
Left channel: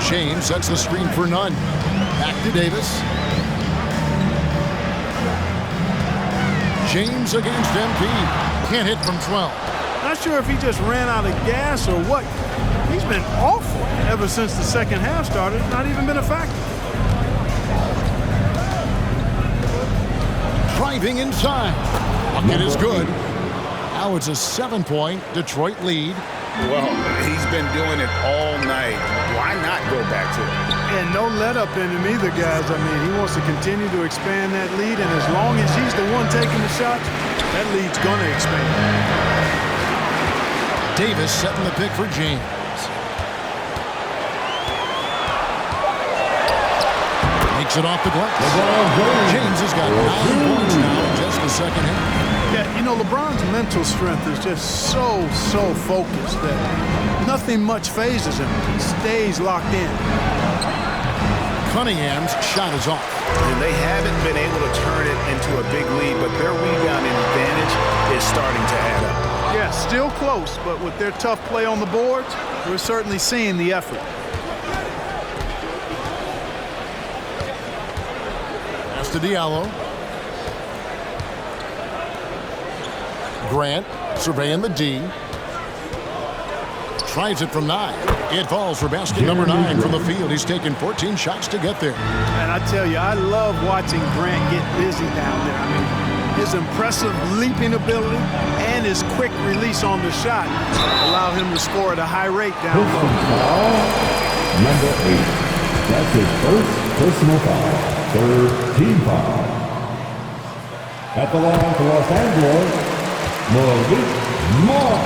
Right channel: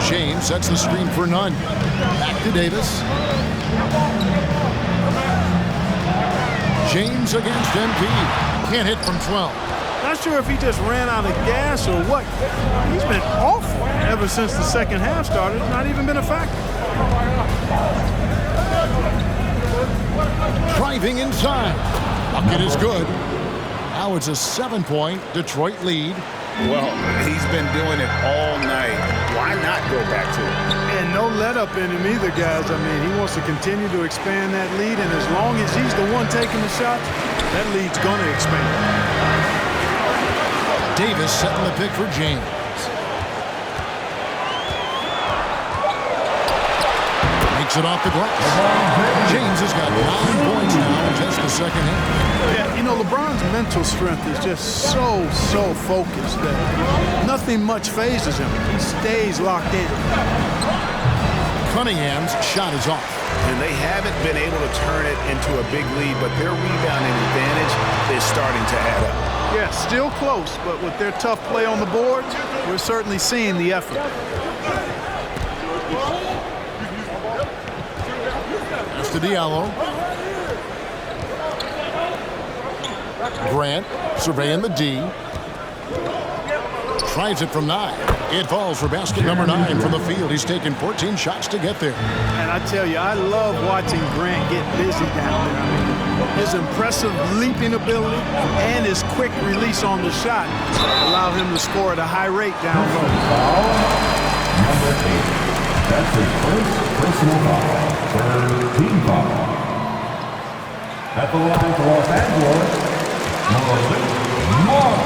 James sets the screen for Nunn. Back to Davis. James against MP. Can't hit from 12. Not sure if he just ran out of gas or what. He's been awful ever since the second half started. Not even been a factor. Driving inside. Bucket is good. Now it's a 7-point Detroit lead. Well, he's been doing it all night. Why not go back to it? And no let up in him either, guys. I mean, he wants to continue to expand that lead, and as long as he's the one taking the shots, that lead's going to expand. Davis setting the pick for James. Makes it off the glass. James has got 9 points now in just the second half. Yeah, you know, LeBron's mental strength is just so focused that nothing much phases him. He stays locked in. Cunningham's shot is off. And they haven't been able to turn it into a big lead, but their rebounding advantage is starting to add up. Yeah, still close, but with their tough play on the boards, we're certainly seeing the effort. Pass to Diallo. Grant surveying the D. Tries it from 9. It falls for basket number 9 from the field. He's taken 14 shots to get there. And I tell you, I love watching Grant get busy down there. I mean, his impressive leaping ability and his quick release on the shot allow him to score at a high rate down low. Foul number 8. That's his first personal foul. Third team foul. At the line for Los Angeles, Monk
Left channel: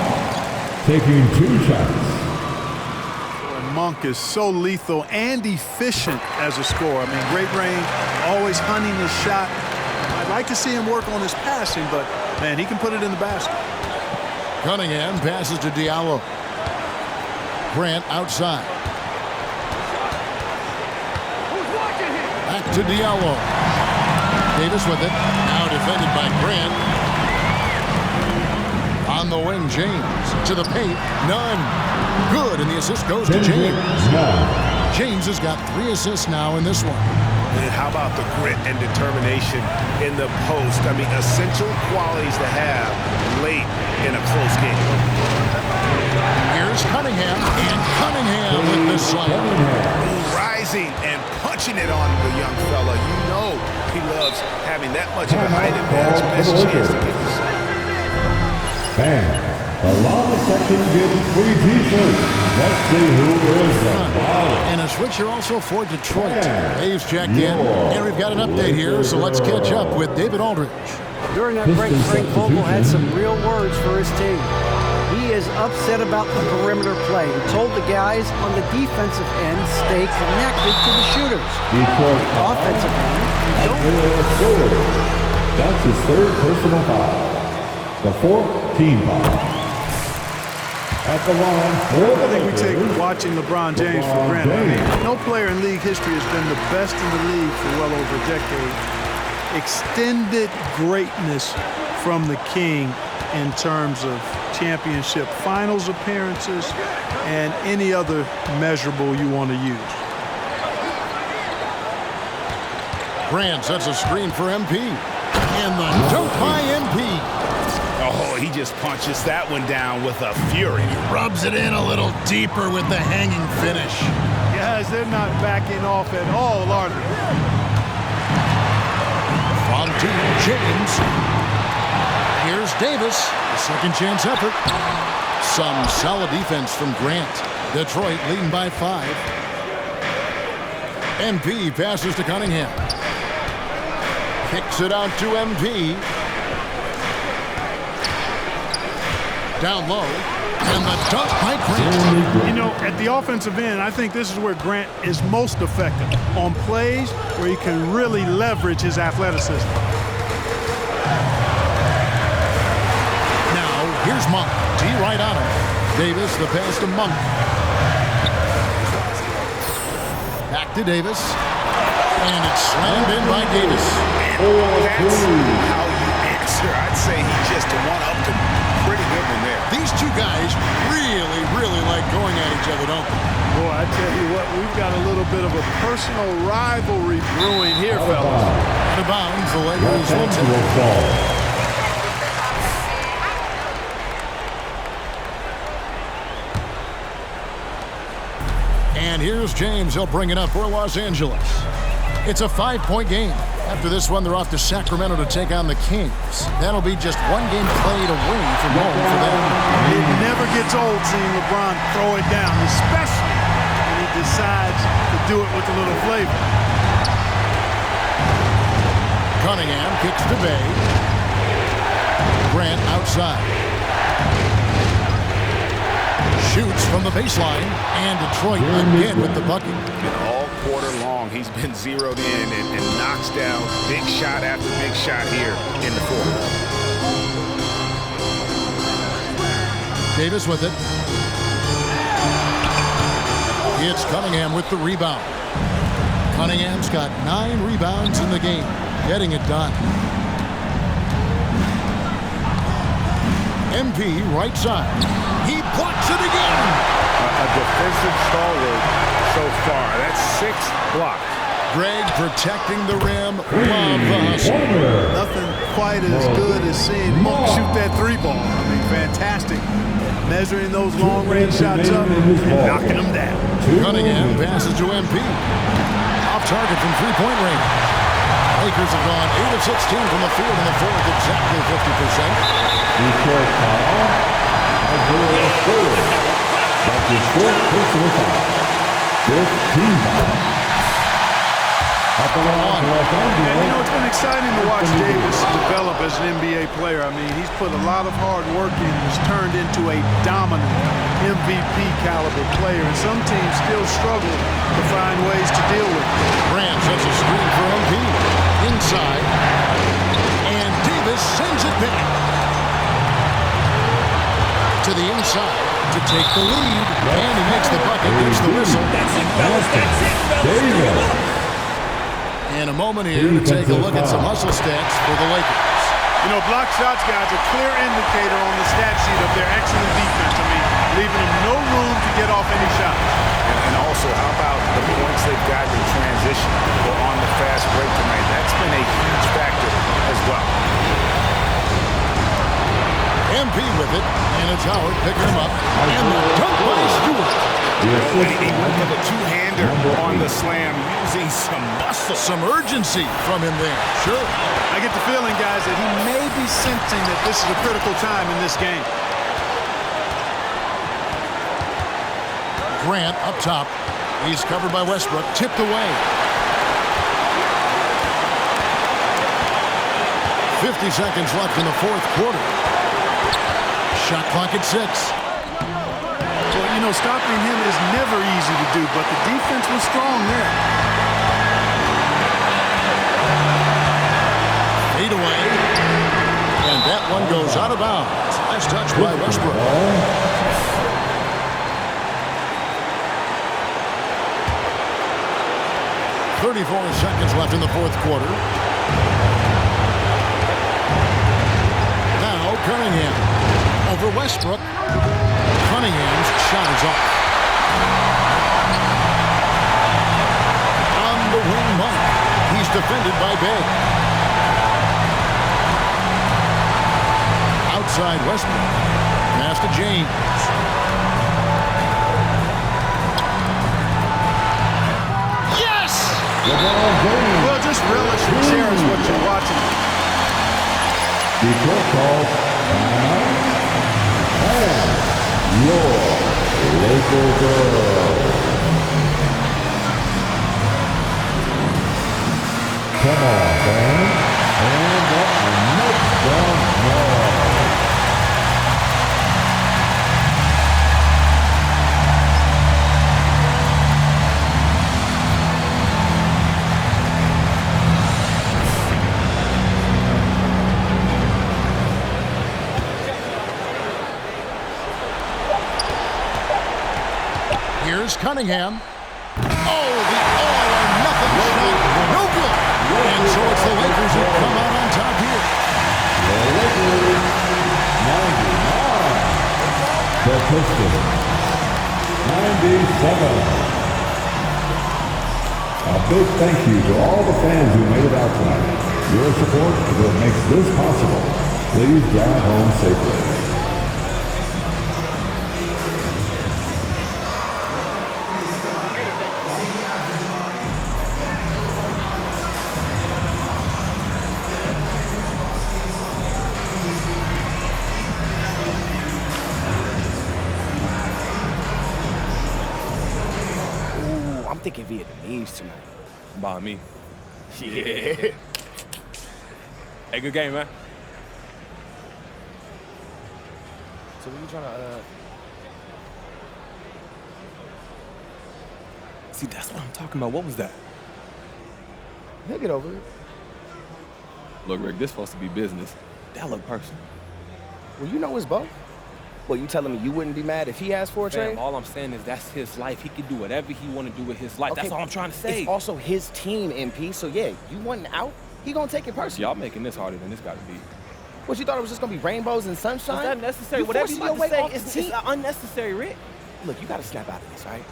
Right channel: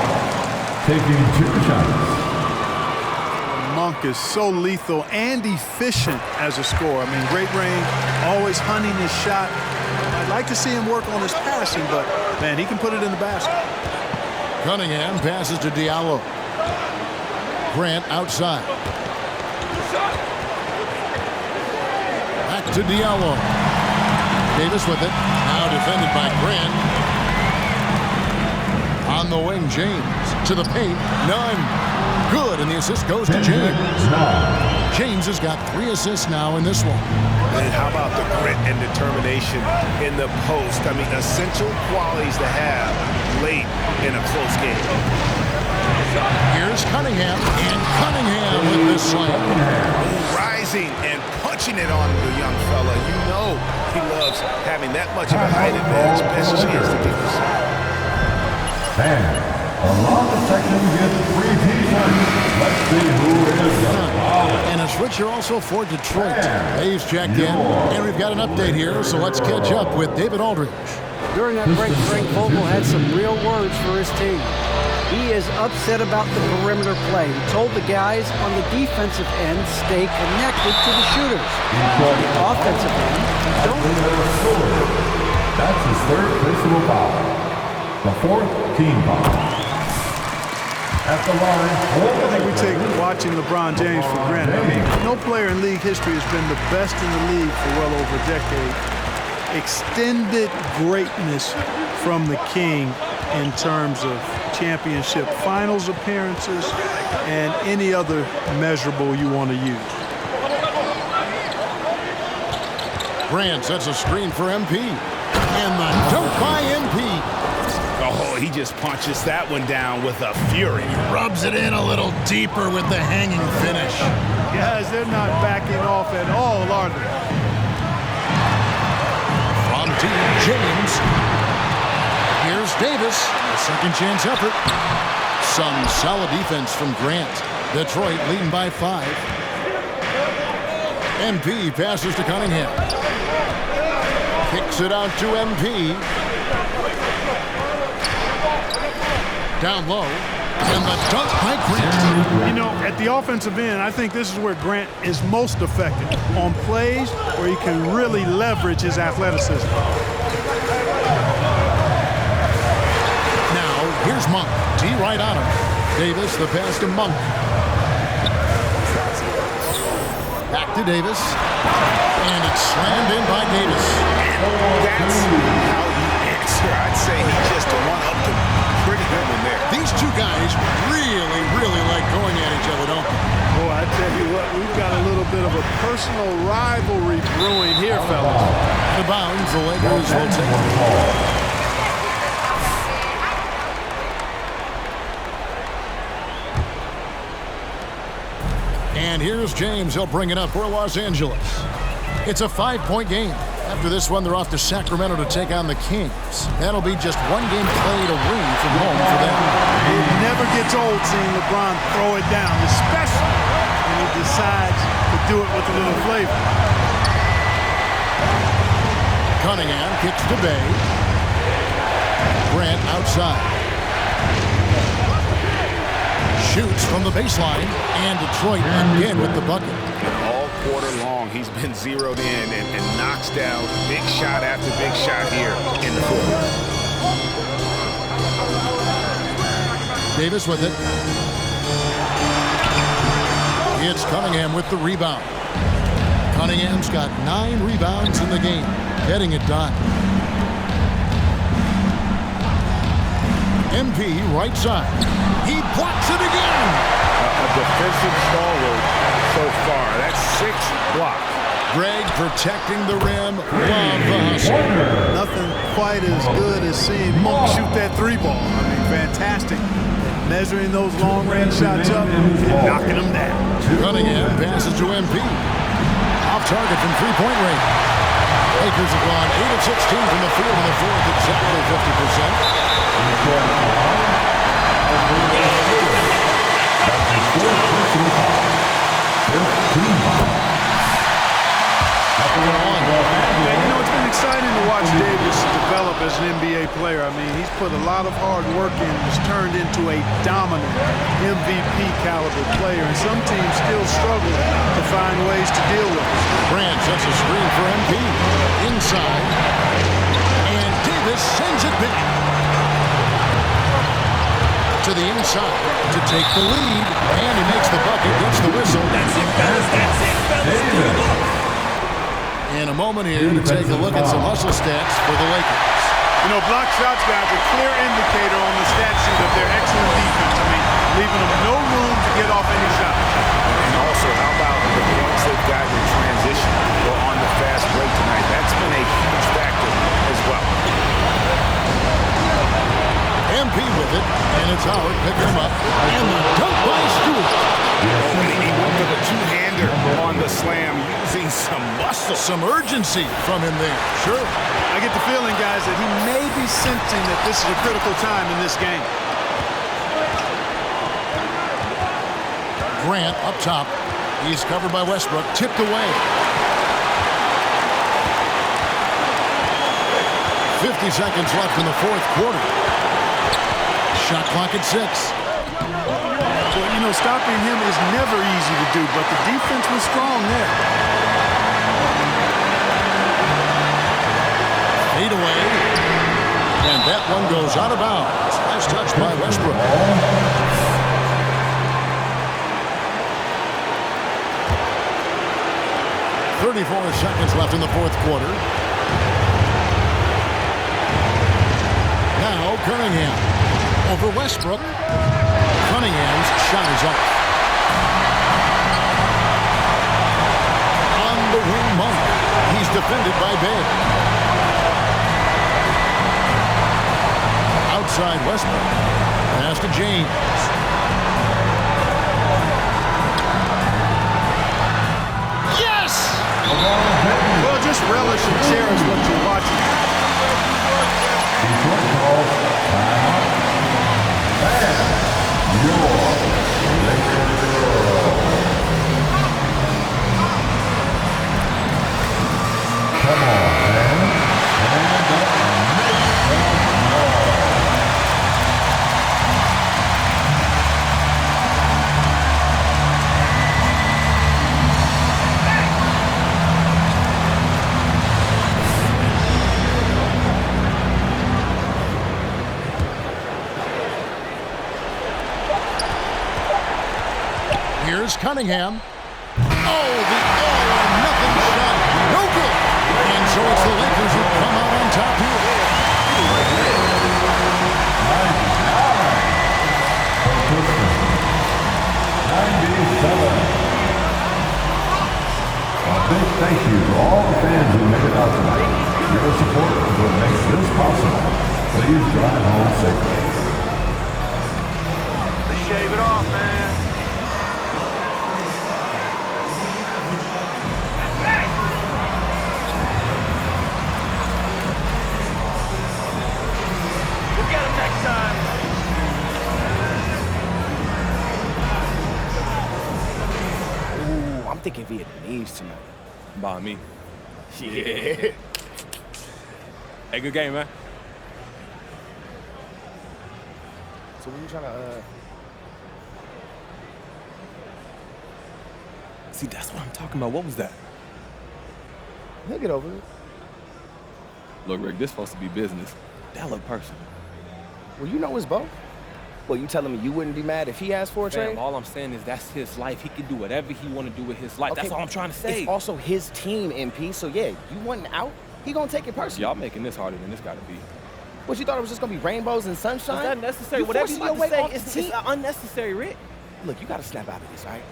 taking 2 shots. Monk is so lethal and efficient as a scorer. I mean, great range, always hunting his shot. I'd like to see him work on his passing, but, man, he can put it in the basket. Cunningham passes to Diallo. Grant outside. Back to Diallo. Davis with it. Now defended by Grant. On the wing, James. To the paint. None. Good, and the assist goes to James. James has got 3 assists now in this one. And how about the grit and determination in the post? I mean, essential qualities to have late in a close game. Here's Cunningham, and Cunningham with the slam. Rising and punching it on the young fella. You know he loves having that much of a height advantage. Best chance to get the shot. Fans, the loudest section gets free T-shirts. Let's see who is the loudest. And a switcher also for Detroit. Dave's checked in, and we've got an update here, so let's catch up with David Aldridge. During that break, Frank Vogel had some real words for his team. He is upset about the perimeter play. He told the guys on the defensive end stay connected to the shooters. On the offensive end, you don't. That's his 3rd personal foul. The 4th team foul. At the line, I think we take watching LeBron James for granted. I mean, no player in league history has been the best in the league for well over a decade. Extended greatness from the King in terms of championship finals appearances and any other measurable you want to use. Grant sets a screen for MP. And the dunk by MP. Oh, he just punches that one down with a fury. He rubs it in a little deeper with the hanging finish. Guys, they're not backing off at all, are they? From Team James. Here's Davis, a second chance effort. Some solid defense from Grant. Detroit leading by 5. MP passes to Cunningham. Kicks it out to MP. Down low. And the dunk by Grant. You know, at the offensive end, I think this is where Grant is most effective. On plays where he can really leverage his athleticism. Now, here's Monk. D right on him. Davis, the pass to Monk. Back to Davis. And it's slammed in by Davis. And that's how you answer. I'd say he just one-upped him. Pretty good one there. These two guys really, really like going at each other, don't they? Boy, I tell you what, we've got a little bit of a personal rivalry brewing here, fellas. Out of bounds, the Lakers will take the ball. And here's James. He'll bring it up for Los Angeles. It's a 5-point game. After this one, they're off to Sacramento to take on the Kings. That'll be just one game played away from home for them. It never gets old seeing LeBron throw it down, especially when he decides to do it with a little flavor. Cunningham kicks to Bay. Grant outside. Shoots from the baseline, and Detroit again with the bucket. And all quarter long, he's been zeroed in and knocks down big shot after big shot here in the fourth. Davis with it. It's Cunningham with the rebound. Cunningham's got 9 rebounds in the game, getting it done. MP right side. He blocks it again. A defensive stalwart so far. That's 6 blocks. Greg protecting the rim. Love the hustle. Nothing quite as good as seeing Monk shoot that 3-ball. I mean, fantastic at measuring those long-range shots up and knocking them down. Cunningham passes to MP. Off target from 3-point range. Lakers have gone 8 of 16 from the field in the fourth, exactly 50%. Detroit foul. That's his 4th personal foul. 5th team foul. Yeah, you know, it's been exciting to watch Davis develop as an NBA player. I mean, he's put a lot of hard work in and has turned into a dominant MVP caliber player, and some teams still struggle to find ways to deal with it. Grant sets a screen for MP. Inside. And Davis sends it back. To the inside to take the lead. And he makes the bucket, gets the whistle. That's it, fellas. That's it, fellas. Pick 'em up. And a moment here to take a look at some hustle stats for the Lakers. You know, block shots, guys, a clear indicator on the stat sheet of their excellent defense. I mean, leaving them no room to get off any shots. And also, how about the points they've gotten in transition or on the fast break tonight? That's been a huge factor as well. MP with it, and it's Howard picking him up. And the dunk by Stewart. Oh, and he went for the two-hander on the slam, using some muscle. Some urgency from him there. Sure. I get the feeling, guys, that he may be sensing that this is a critical time in this game. Grant up top. He's covered by Westbrook. Tipped away. 50 seconds left in the fourth quarter. Shot clock at 6. Well, you know, stopping him is never easy to do, but the defense was strong there. Fade away. And that one goes out of bounds. Nice touch by Westbrook. 34 seconds left in the fourth quarter. Now Cunningham over Westbrook. Cunningham's shot is off. On the wing, Monk. He's defended by Bay. Outside Westbrook. Pass to James. Yes! Well, just relish and cherish what you're watching. Detroit calls timeout. And your Laker girl. Come on, fans. Stand up and make some noise. Here's Cunningham. Oh, the all-or-nothing shot. No good. And so it's the Lakers who come out on top here. 99. The Pistons. 97. A big thank you to all the fans who made it out tonight. Your support is what makes this possible. Please drive home safely. I'm thinking Vietnamese tonight. By me. Yeah. Hey, good game, man. So what are you trying to, See, that's what I'm talking about. What was that? He'll get over it. Look, Rick, this supposed to be business. That look personal. Well, you know it's both. Well, you telling me you wouldn't be mad if he asked for a trade? Fam, all I'm saying is that's his life. He can do whatever he want to do with his life. Okay, That's all I'm trying to say. It's also his team, MP. So, yeah, you want out, he gonna take it personally. Y'all making this harder than this got to be. What, you thought it was just gonna be rainbows and sunshine? Is that necessary? You Whatever you forcing about to say off is the team. unnecessary, Rick. Look, you gotta snap out of this, all right?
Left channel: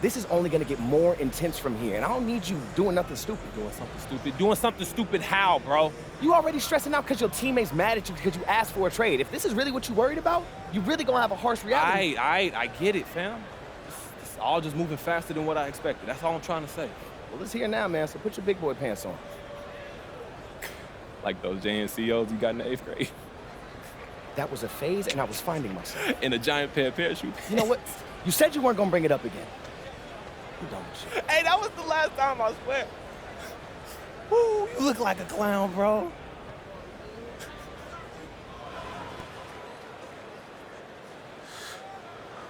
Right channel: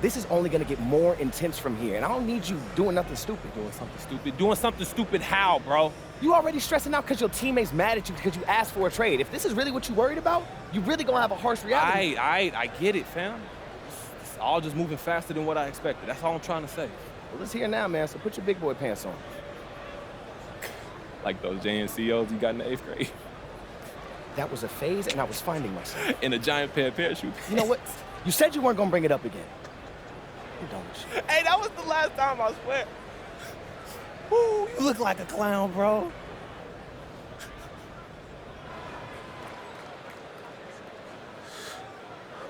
This is only gonna get more intense from here, and I don't need you doing nothing stupid. Doing something stupid? Doing something stupid how, bro? You already stressing out because your teammate's mad at you because you asked for a trade. If this is really what you worried about, you really gonna have a harsh reality. I get it, fam. It's all just moving faster than what I expected. That's all I'm trying to say. Well, it's here now, man, so put your big boy pants on. Like those JNCOs you got in the 8th grade. That was a phase, and I was finding myself. In a giant pair of parachute. You know what? You said you weren't gonna bring it up again. I'm done with you. Hey, that was the last time, I swear. Woo, you look like a clown, bro.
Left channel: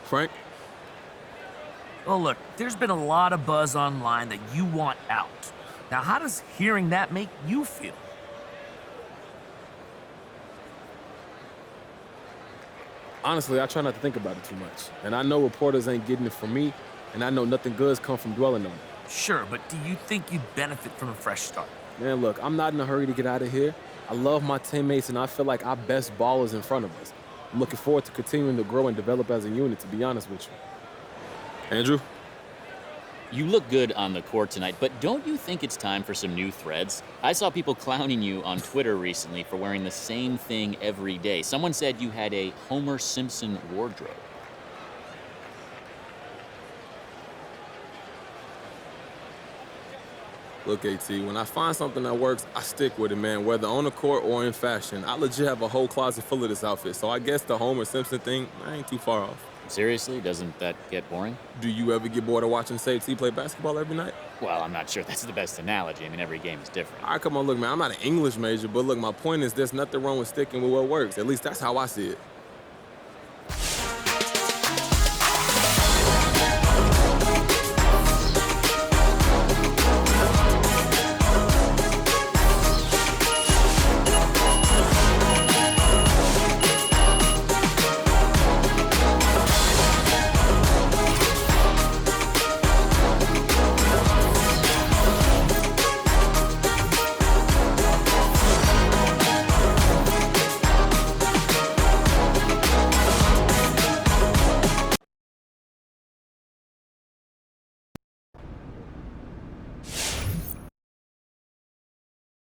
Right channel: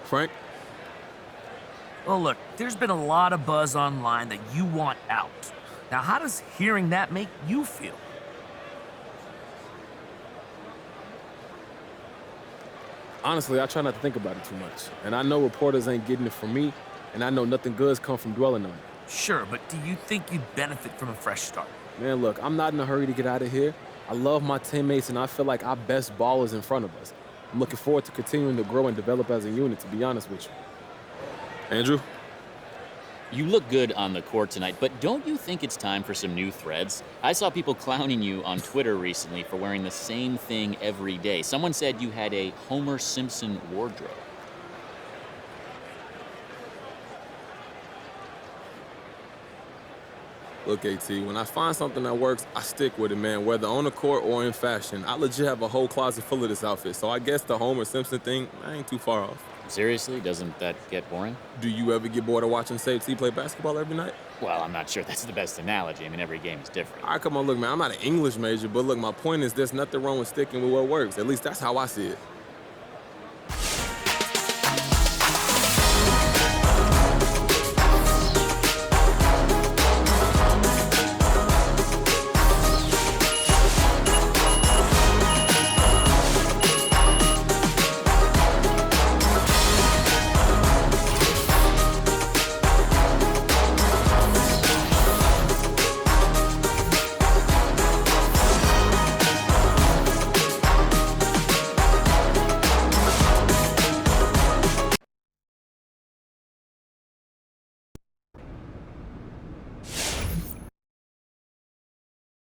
Frank? Well, look, there's been a lot of buzz online that you want out. Now, how does hearing that make you feel? Honestly, I try not to think about it too much. And I know reporters ain't getting it from me, and I know nothing good's come from dwelling on it. Sure, but do you think you'd benefit from a fresh start? Man, look, I'm not in a hurry to get out of here. I love my teammates, and I feel like our best ball is in front of us. I'm looking forward to continuing to grow and develop as a unit, to be honest with you. Andrew? You look good on the court tonight, but don't you think it's time for some new threads? I saw people clowning you on Twitter recently for wearing the same thing every day. Someone said you had a Homer Simpson wardrobe. Look, AT, when I find something that works, I stick with it, man, whether on the court or in fashion. I legit have a whole closet full of this outfit, so I guess the Homer Simpson thing, I ain't too far off. Seriously? Doesn't that get boring? Do you ever get bored of watching Save T play basketball every night? Well, I'm not sure that's the best analogy. I mean, every game is different. All right, come on, look, man, I'm not an English major, but look, my point is there's nothing wrong with sticking with what works. At least that's how I see it.